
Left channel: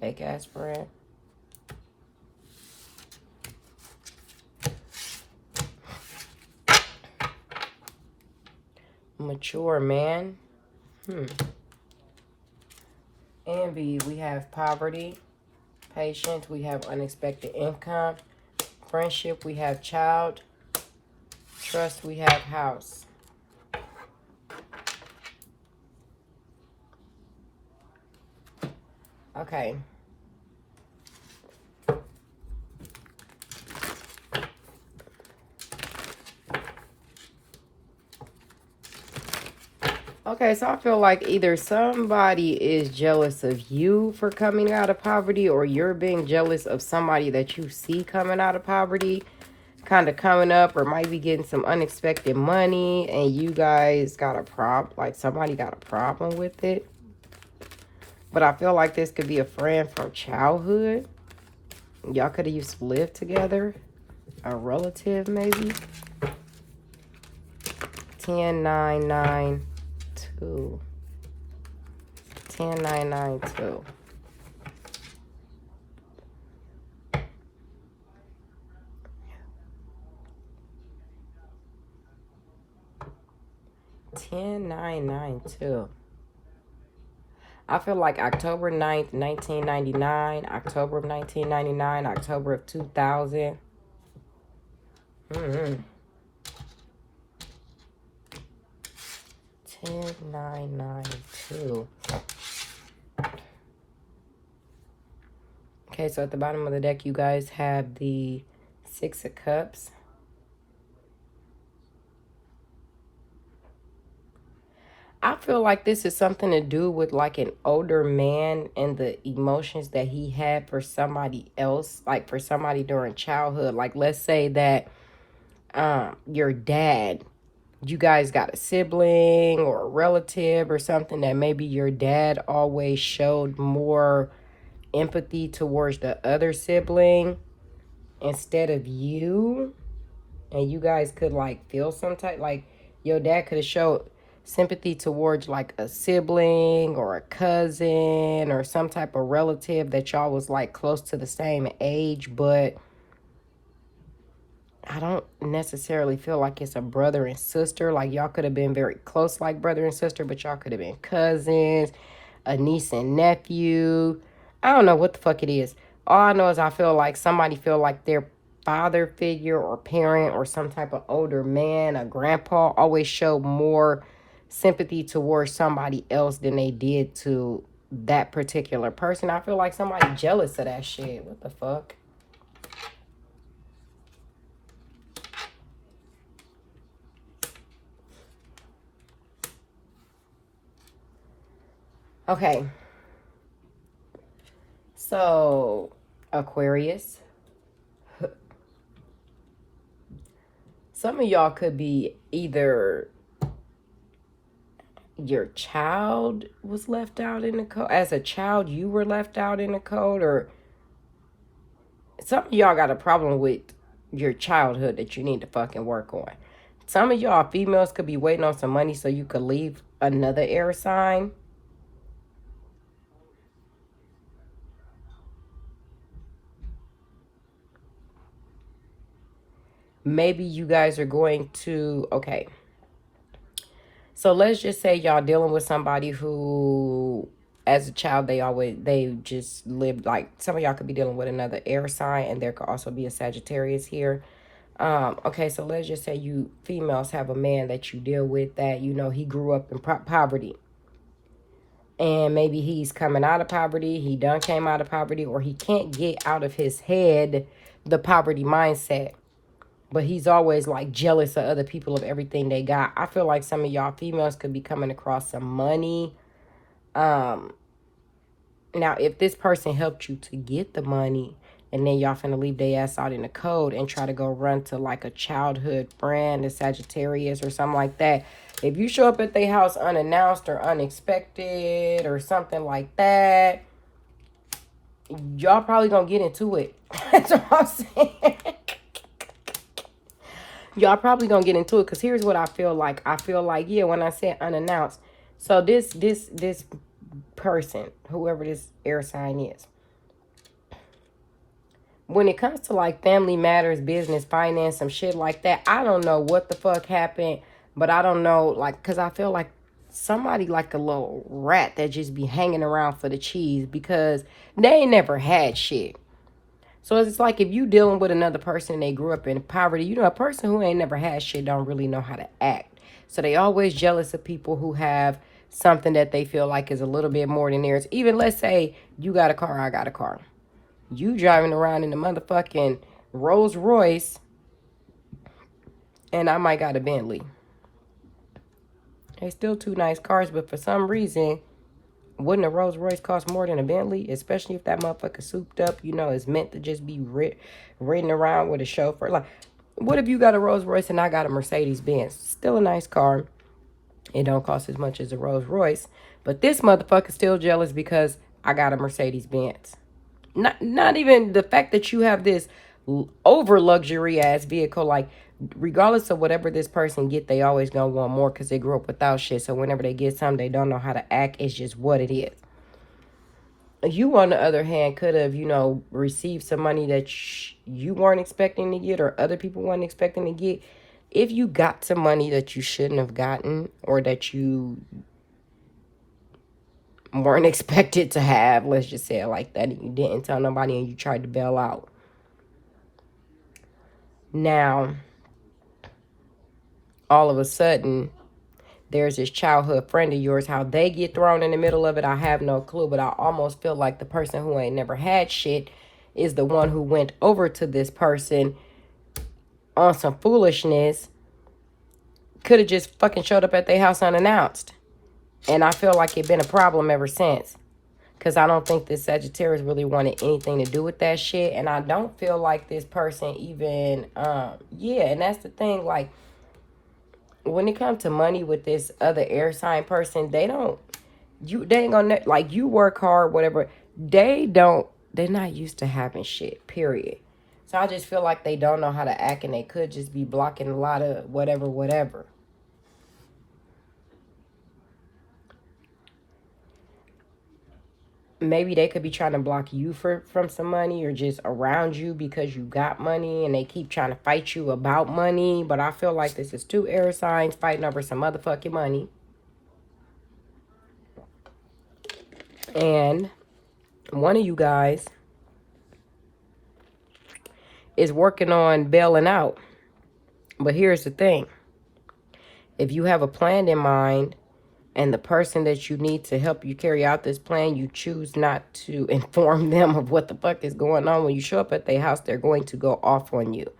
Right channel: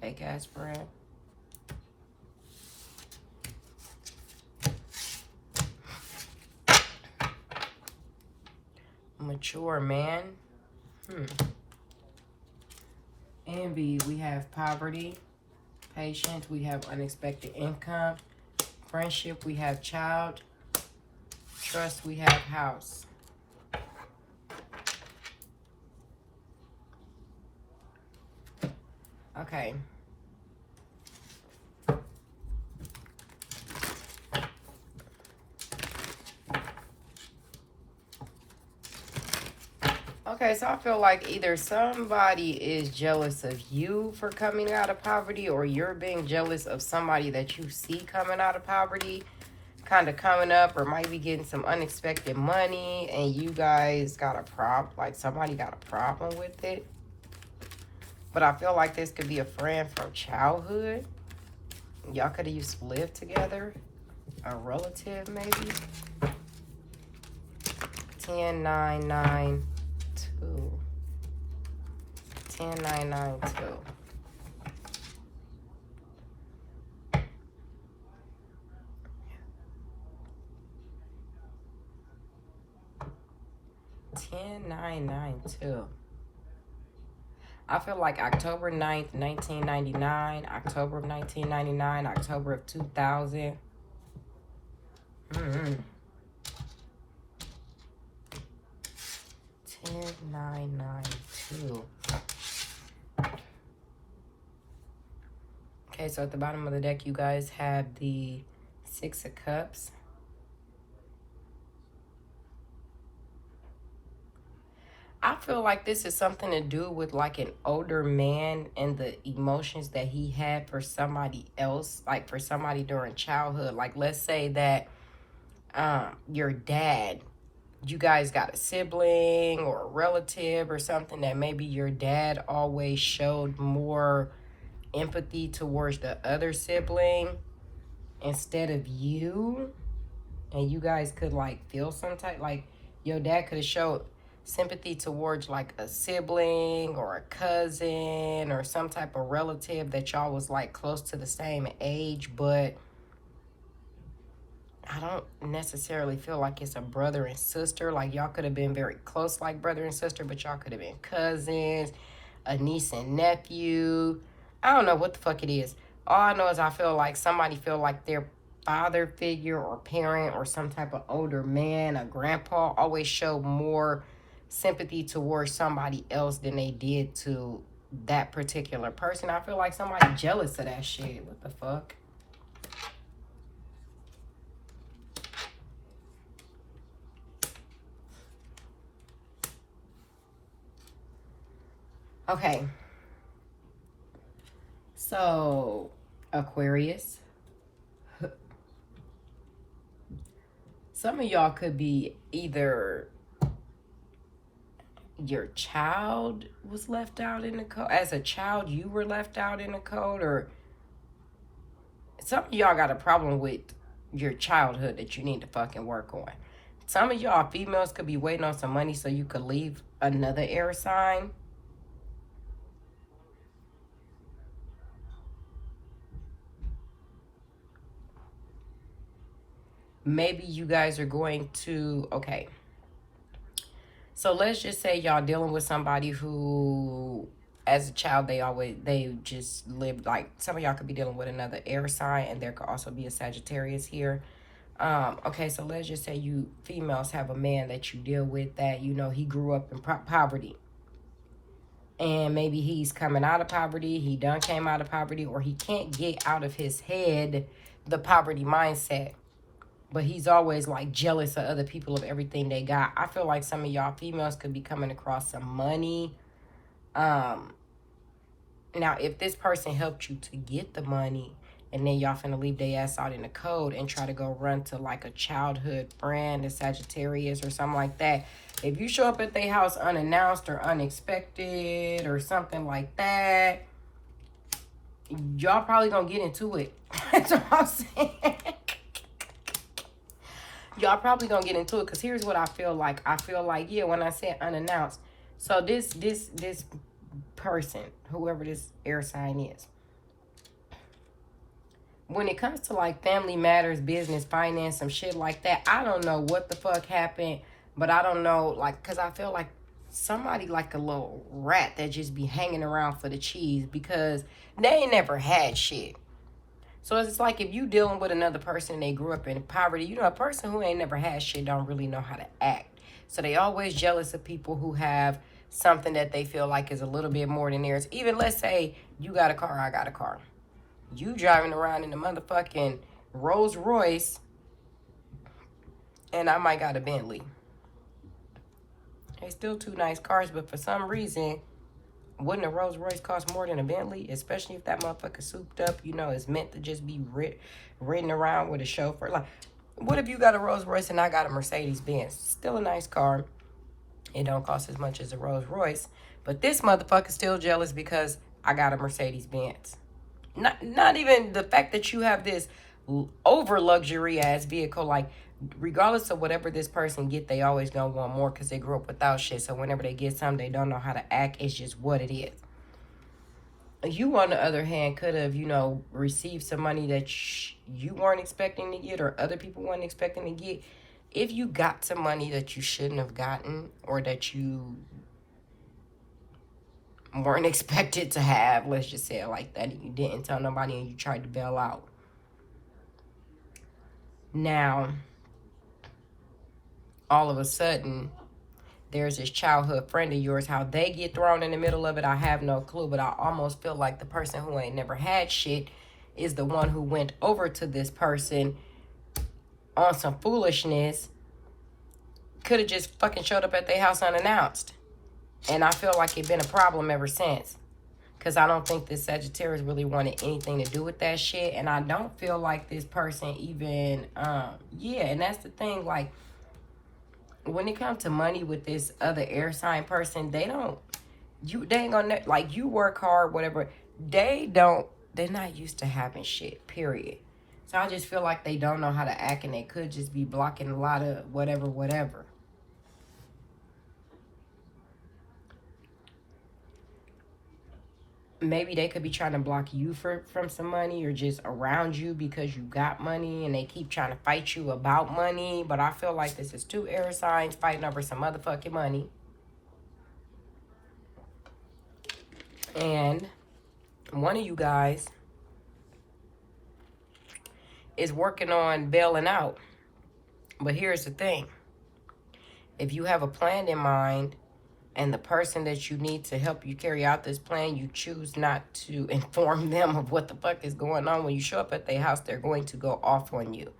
Fake ass friend. Mature man. Envy, we have poverty. Patience, we have unexpected income. Friendship, we have child. Trust, we have house. Okay. Okay, so I feel like either somebody is jealous of you for coming out of poverty, or you're being jealous of somebody that you see coming out of poverty, kind of coming up, or might be getting some unexpected money, and you guys got a problem, like somebody got a problem with it. But I feel like this could be a friend from childhood. Y'all could have used to live together. A relative, maybe. 10992. 10992. I feel like October 9th, 1999, October of 1999, October of 2000. 10992. Okay, so at the bottom of the deck, you guys have the Six of Cups. I feel like this is something to do with like an older man and the emotions that he had for somebody else, like for somebody during childhood. Like, let's say that your dad, you guys got a sibling or a relative or something that maybe your dad always showed more empathy towards the other sibling instead of you, and you guys could like feel some type, like your dad could have showed sympathy towards like a sibling or a cousin or some type of relative that y'all was like close to the same age, but I don't necessarily feel like it's a brother and sister. Like, y'all could have been very close like brother and sister, but y'all could have been cousins, a niece and nephew. I don't know what the fuck it is. All I know is I feel like somebody feel like their father figure or parent or some type of older man, a grandpa, always showed more sympathy towards somebody else than they did to that particular person. I feel like somebody jealous of that shit. What the fuck? Okay. So, Aquarius. Some of y'all could be either your child was left out in the code. As a child, you were left out in the code, or some of y'all got a problem with your childhood that you need to fucking work on. Some of y'all females could be waiting on some money so you could leave another air sign. Maybe you guys are going to, okay. So let's just say y'all dealing with somebody who, as a child, they just lived, like, some of y'all could be dealing with another air sign, and there could also be a Sagittarius here. Okay, so let's just say you females have a man that you deal with that, you know, he grew up in poverty. And maybe he's coming out of poverty, he done came out of poverty, or he can't get out of his head the poverty mindset. But he's always like jealous of other people of everything they got. I feel like some of y'all females could be coming across some money. Now, if this person helped you to get the money, and then y'all finna leave their ass out in the cold and try to go run to like a childhood friend, a Sagittarius or something like that. If you show up at their house unannounced or unexpected or something like that, y'all probably gonna get into it. That's what I'm saying. Y'all probably gonna get into it, because here's what I feel like. I feel like, yeah, when I said unannounced, so this person, whoever this air sign is, when it comes to like family matters, business, finance, some shit like that, I don't know what the fuck happened, but I don't know, like, because I feel like somebody like a little rat that just be hanging around for the cheese, because they ain't never had shit. So it's like if you dealing with another person, they grew up in poverty, you know, a person who ain't never had shit don't really know how to act. So they always jealous of people who have something that they feel like is a little bit more than theirs. Even let's say you got a car, I got a car. You driving around in the motherfucking Rolls Royce, and I might got a Bentley. They still two nice cars, but for some reason, wouldn't a Rolls Royce cost more than a Bentley? Especially if that motherfucker souped up, you know, is meant to just be ridden around with a chauffeur. Like, what if you got a Rolls Royce and I got a Mercedes Benz? Still a nice car. It don't cost as much as a Rolls Royce. But this motherfucker's still jealous because I got a Mercedes Benz. Not even the fact that you have this over luxury ass vehicle. Like, regardless of whatever this person get, they always gonna want more because they grew up without shit. So whenever they get something, they don't know how to act. It's just what it is. You, on the other hand, could have, you know, received some money that you weren't expecting to get, or other people weren't expecting to get. If you got some money that you shouldn't have gotten, or that you weren't expected to have, let's just say it like that, and you didn't tell nobody and you tried to bail out. Now, all of a sudden, there's this childhood friend of yours. How they get thrown in the middle of it, I have no clue. But I almost feel like the person who ain't never had shit is the one who went over to this person on some foolishness. Could have just fucking showed up at their house unannounced. And I feel like it's been a problem ever since. Because I don't think this Sagittarius really wanted anything to do with that shit. And I don't feel like this person even, yeah, and that's the thing, like, when it comes to money with this other air sign person, they ain't gonna, like, you work hard, whatever. They're not used to having shit, period. So I just feel like they don't know how to act, and they could just be blocking a lot of whatever. Maybe they could be trying to block you from some money, or just around you because you got money and they keep trying to fight you about money. But I feel like this is two air signs fighting over some motherfucking money. And one of you guys is working on bailing out. But here's the thing. If you have a plan in mind, and the person that you need to help you carry out this plan, you choose not to inform them of what the fuck is going on. When you show up at their house, they're going to go off on you.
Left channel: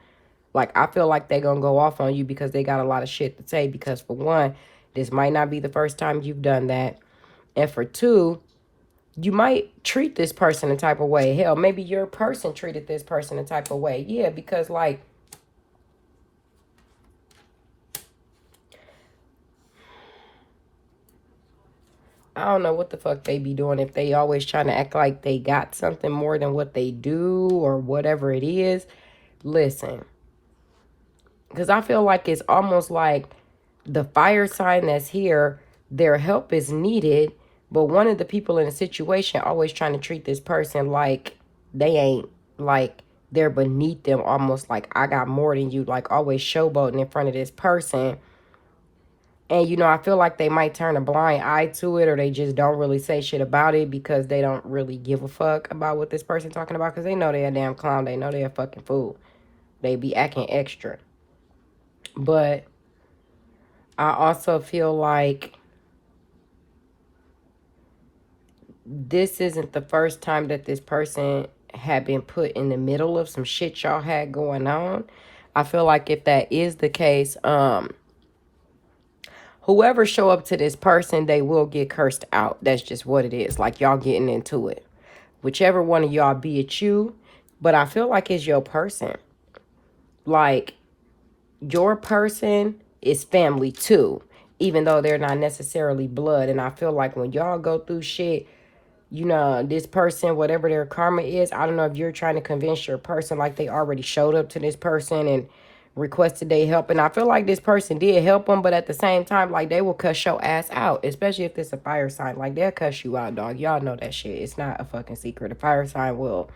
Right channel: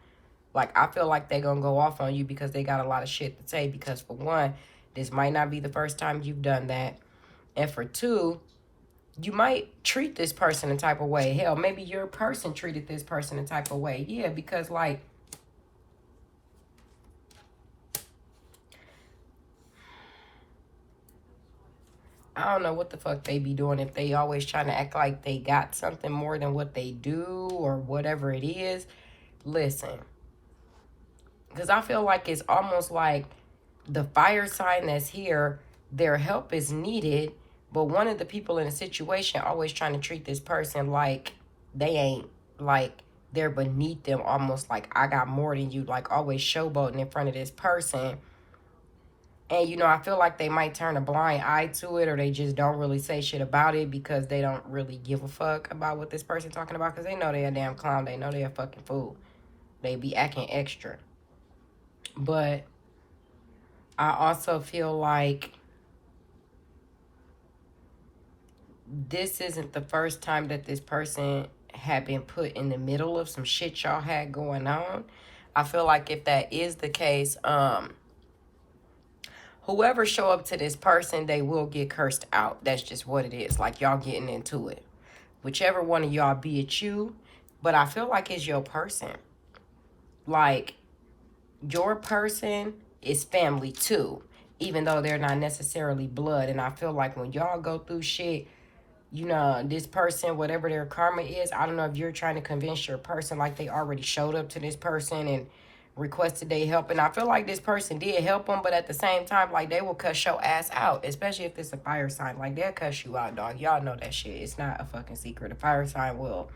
Like, I feel like they're going to go off on you because they got a lot of shit to say. Because, for one, this might not be the first time you've done that. And for two, you might treat this person a type of way. Hell, maybe your person treated this person a type of way. Yeah, because, like, I don't know what the fuck they be doing, if they always trying to act like they got something more than what they do or whatever it is. Listen, Because I feel like it's almost like the fire sign that's here, their help is needed, but one of the people in the situation always trying to treat this person like they ain't, like they're beneath them, almost like I got more than you, like always showboating in front of this person. And, you know, I feel like they might turn a blind eye to it, or they just don't really say shit about it because they don't really give a fuck about what this person talking about, because they know they're a damn clown. They know they're a fucking fool. They be acting extra. But I also feel like this isn't the first time that this person had been put in the middle of some shit y'all had going on. I feel like if that is the case, whoever show up to this person, they will get cursed out. That's just what it is. Like, y'all getting into it. Whichever one of y'all, be it you. But I feel like it's your person. Like, your person is family too. Even though they're not necessarily blood. And I feel like when y'all go through shit, you know, this person, whatever their karma is, I don't know if you're trying to convince your person like they already showed up to this person and requested they help. And I feel like this person did help them, but at the same time, like, they will cuss your ass out, especially if it's a fire sign. Like, they'll cuss you out, dog. Y'all know that shit. It's not a fucking secret. A fire sign will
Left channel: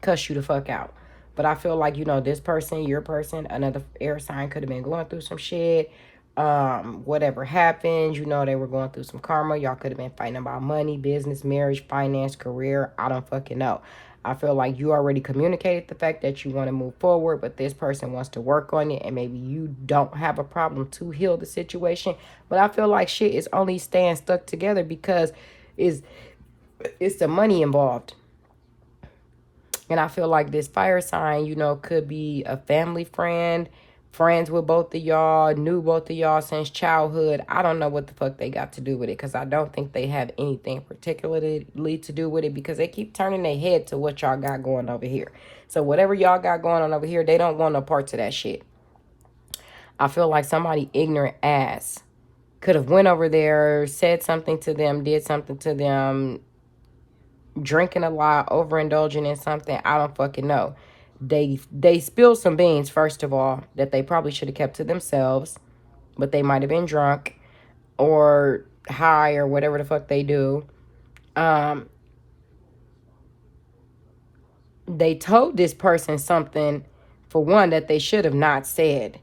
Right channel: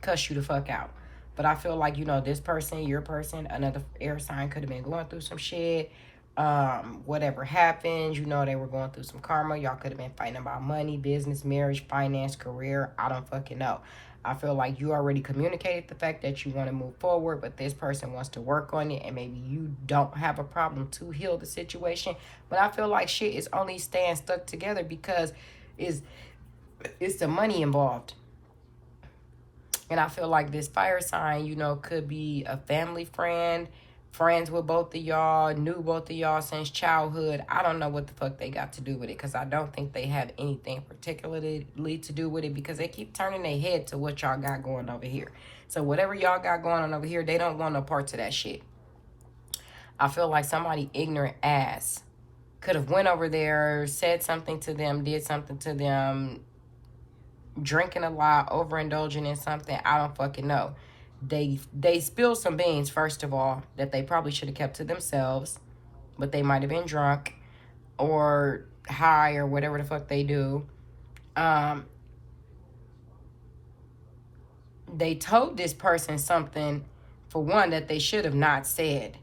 cuss you the fuck out. But I feel like, you know, this person, your person, another air sign could have been going through some shit. Whatever happened, you know, they were going through some karma. Y'all could have been fighting about money, business, marriage, finance, career. I don't fucking know. I feel like you already communicated the fact that you want to move forward, but this person wants to work on it, and maybe you don't have a problem to heal the situation. But I feel like shit is only staying stuck together because it's the money involved. And I feel like this fire sign, you know, could be a family friend, friends with both of y'all, knew both of y'all since childhood. I don't know what the fuck they got to do with it, because I don't think they have anything particularly to do with it, because they keep turning their head to what y'all got going over here. So whatever y'all got going on over here, they don't want no parts of that shit. I feel like somebody ignorant ass could have went over there, said something to them, did something to them, drinking a lot, overindulging in something. I don't fucking know. They spilled some beans, first of all, that they probably should have kept to themselves, but they might have been drunk or high or whatever the fuck they do. They told this person something, for one, that they should have not said.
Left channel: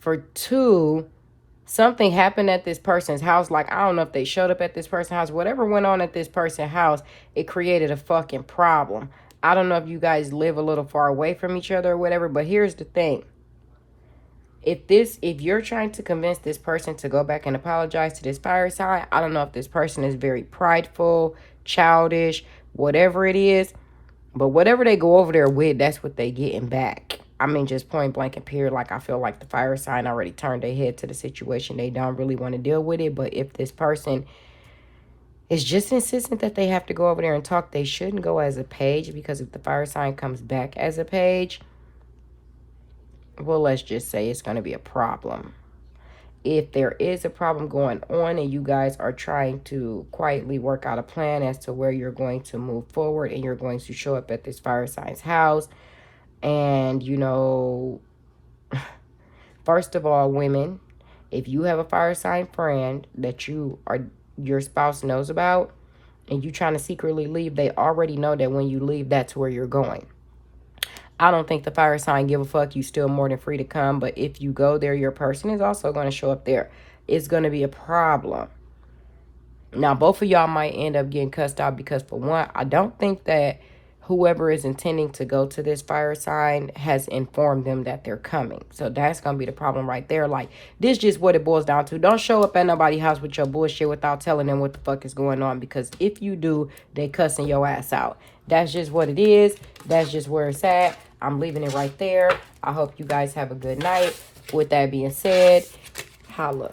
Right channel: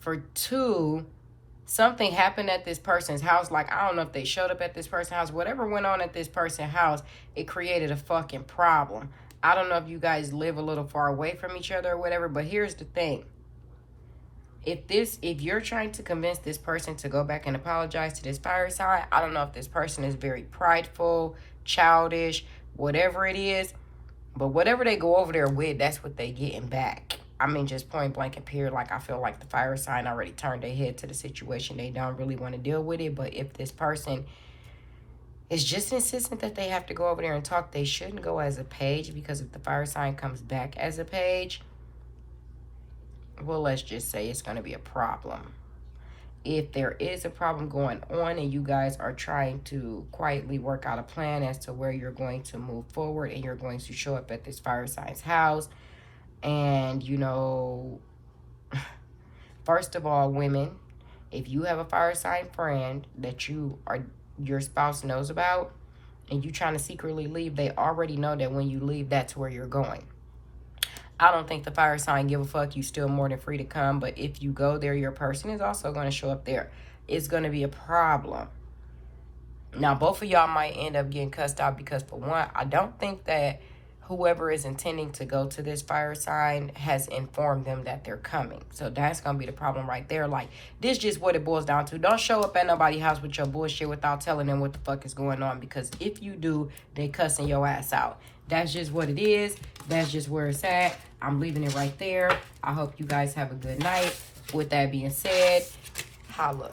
For two, something happened at this person's house. Like, I don't know if they showed up at this person's house. Whatever went on at this person's house, it created a fucking problem. I don't know if you guys live a little far away from each other or whatever, but here's the thing. If you're trying to convince this person to go back and apologize to this fire sign, I don't know if this person is very prideful, childish, whatever it is, but whatever they go over there with, that's what they getting back. I mean, just point blank and period. Like, I feel like the fire sign already turned their head to the situation. They don't really want to deal with it. But if this person is just insistent that they have to go over there and talk, they shouldn't go as a page, because if the fire sign comes back as a page, well, let's just say it's going to be a problem. If there is a problem going on and you guys are trying to quietly work out a plan as to where you're going to move forward, and you're going to show up at this fire sign's house, and, you know, first of all, women, if you have a fire sign friend that your spouse knows about, and you trying to secretly leave, they already know that when you leave, that's where you're going. I don't think the fire sign give a fuck. You still more than free to come. But if you go there, your person is also going to show up there. It's going to be a problem. Now, both of y'all might end up getting cussed out, because, for one, I don't think that whoever is intending to go to this fire sign has informed them that they're coming. So that's going to be the problem right there. Like, this is just what it boils down to. Don't show up at nobody's house with your bullshit without telling them what the fuck is going on, because if you do, they cussing your ass out. That's just what it is. That's just where it's at. I'm leaving it right there. I hope you guys have a good night. With that being said, holla.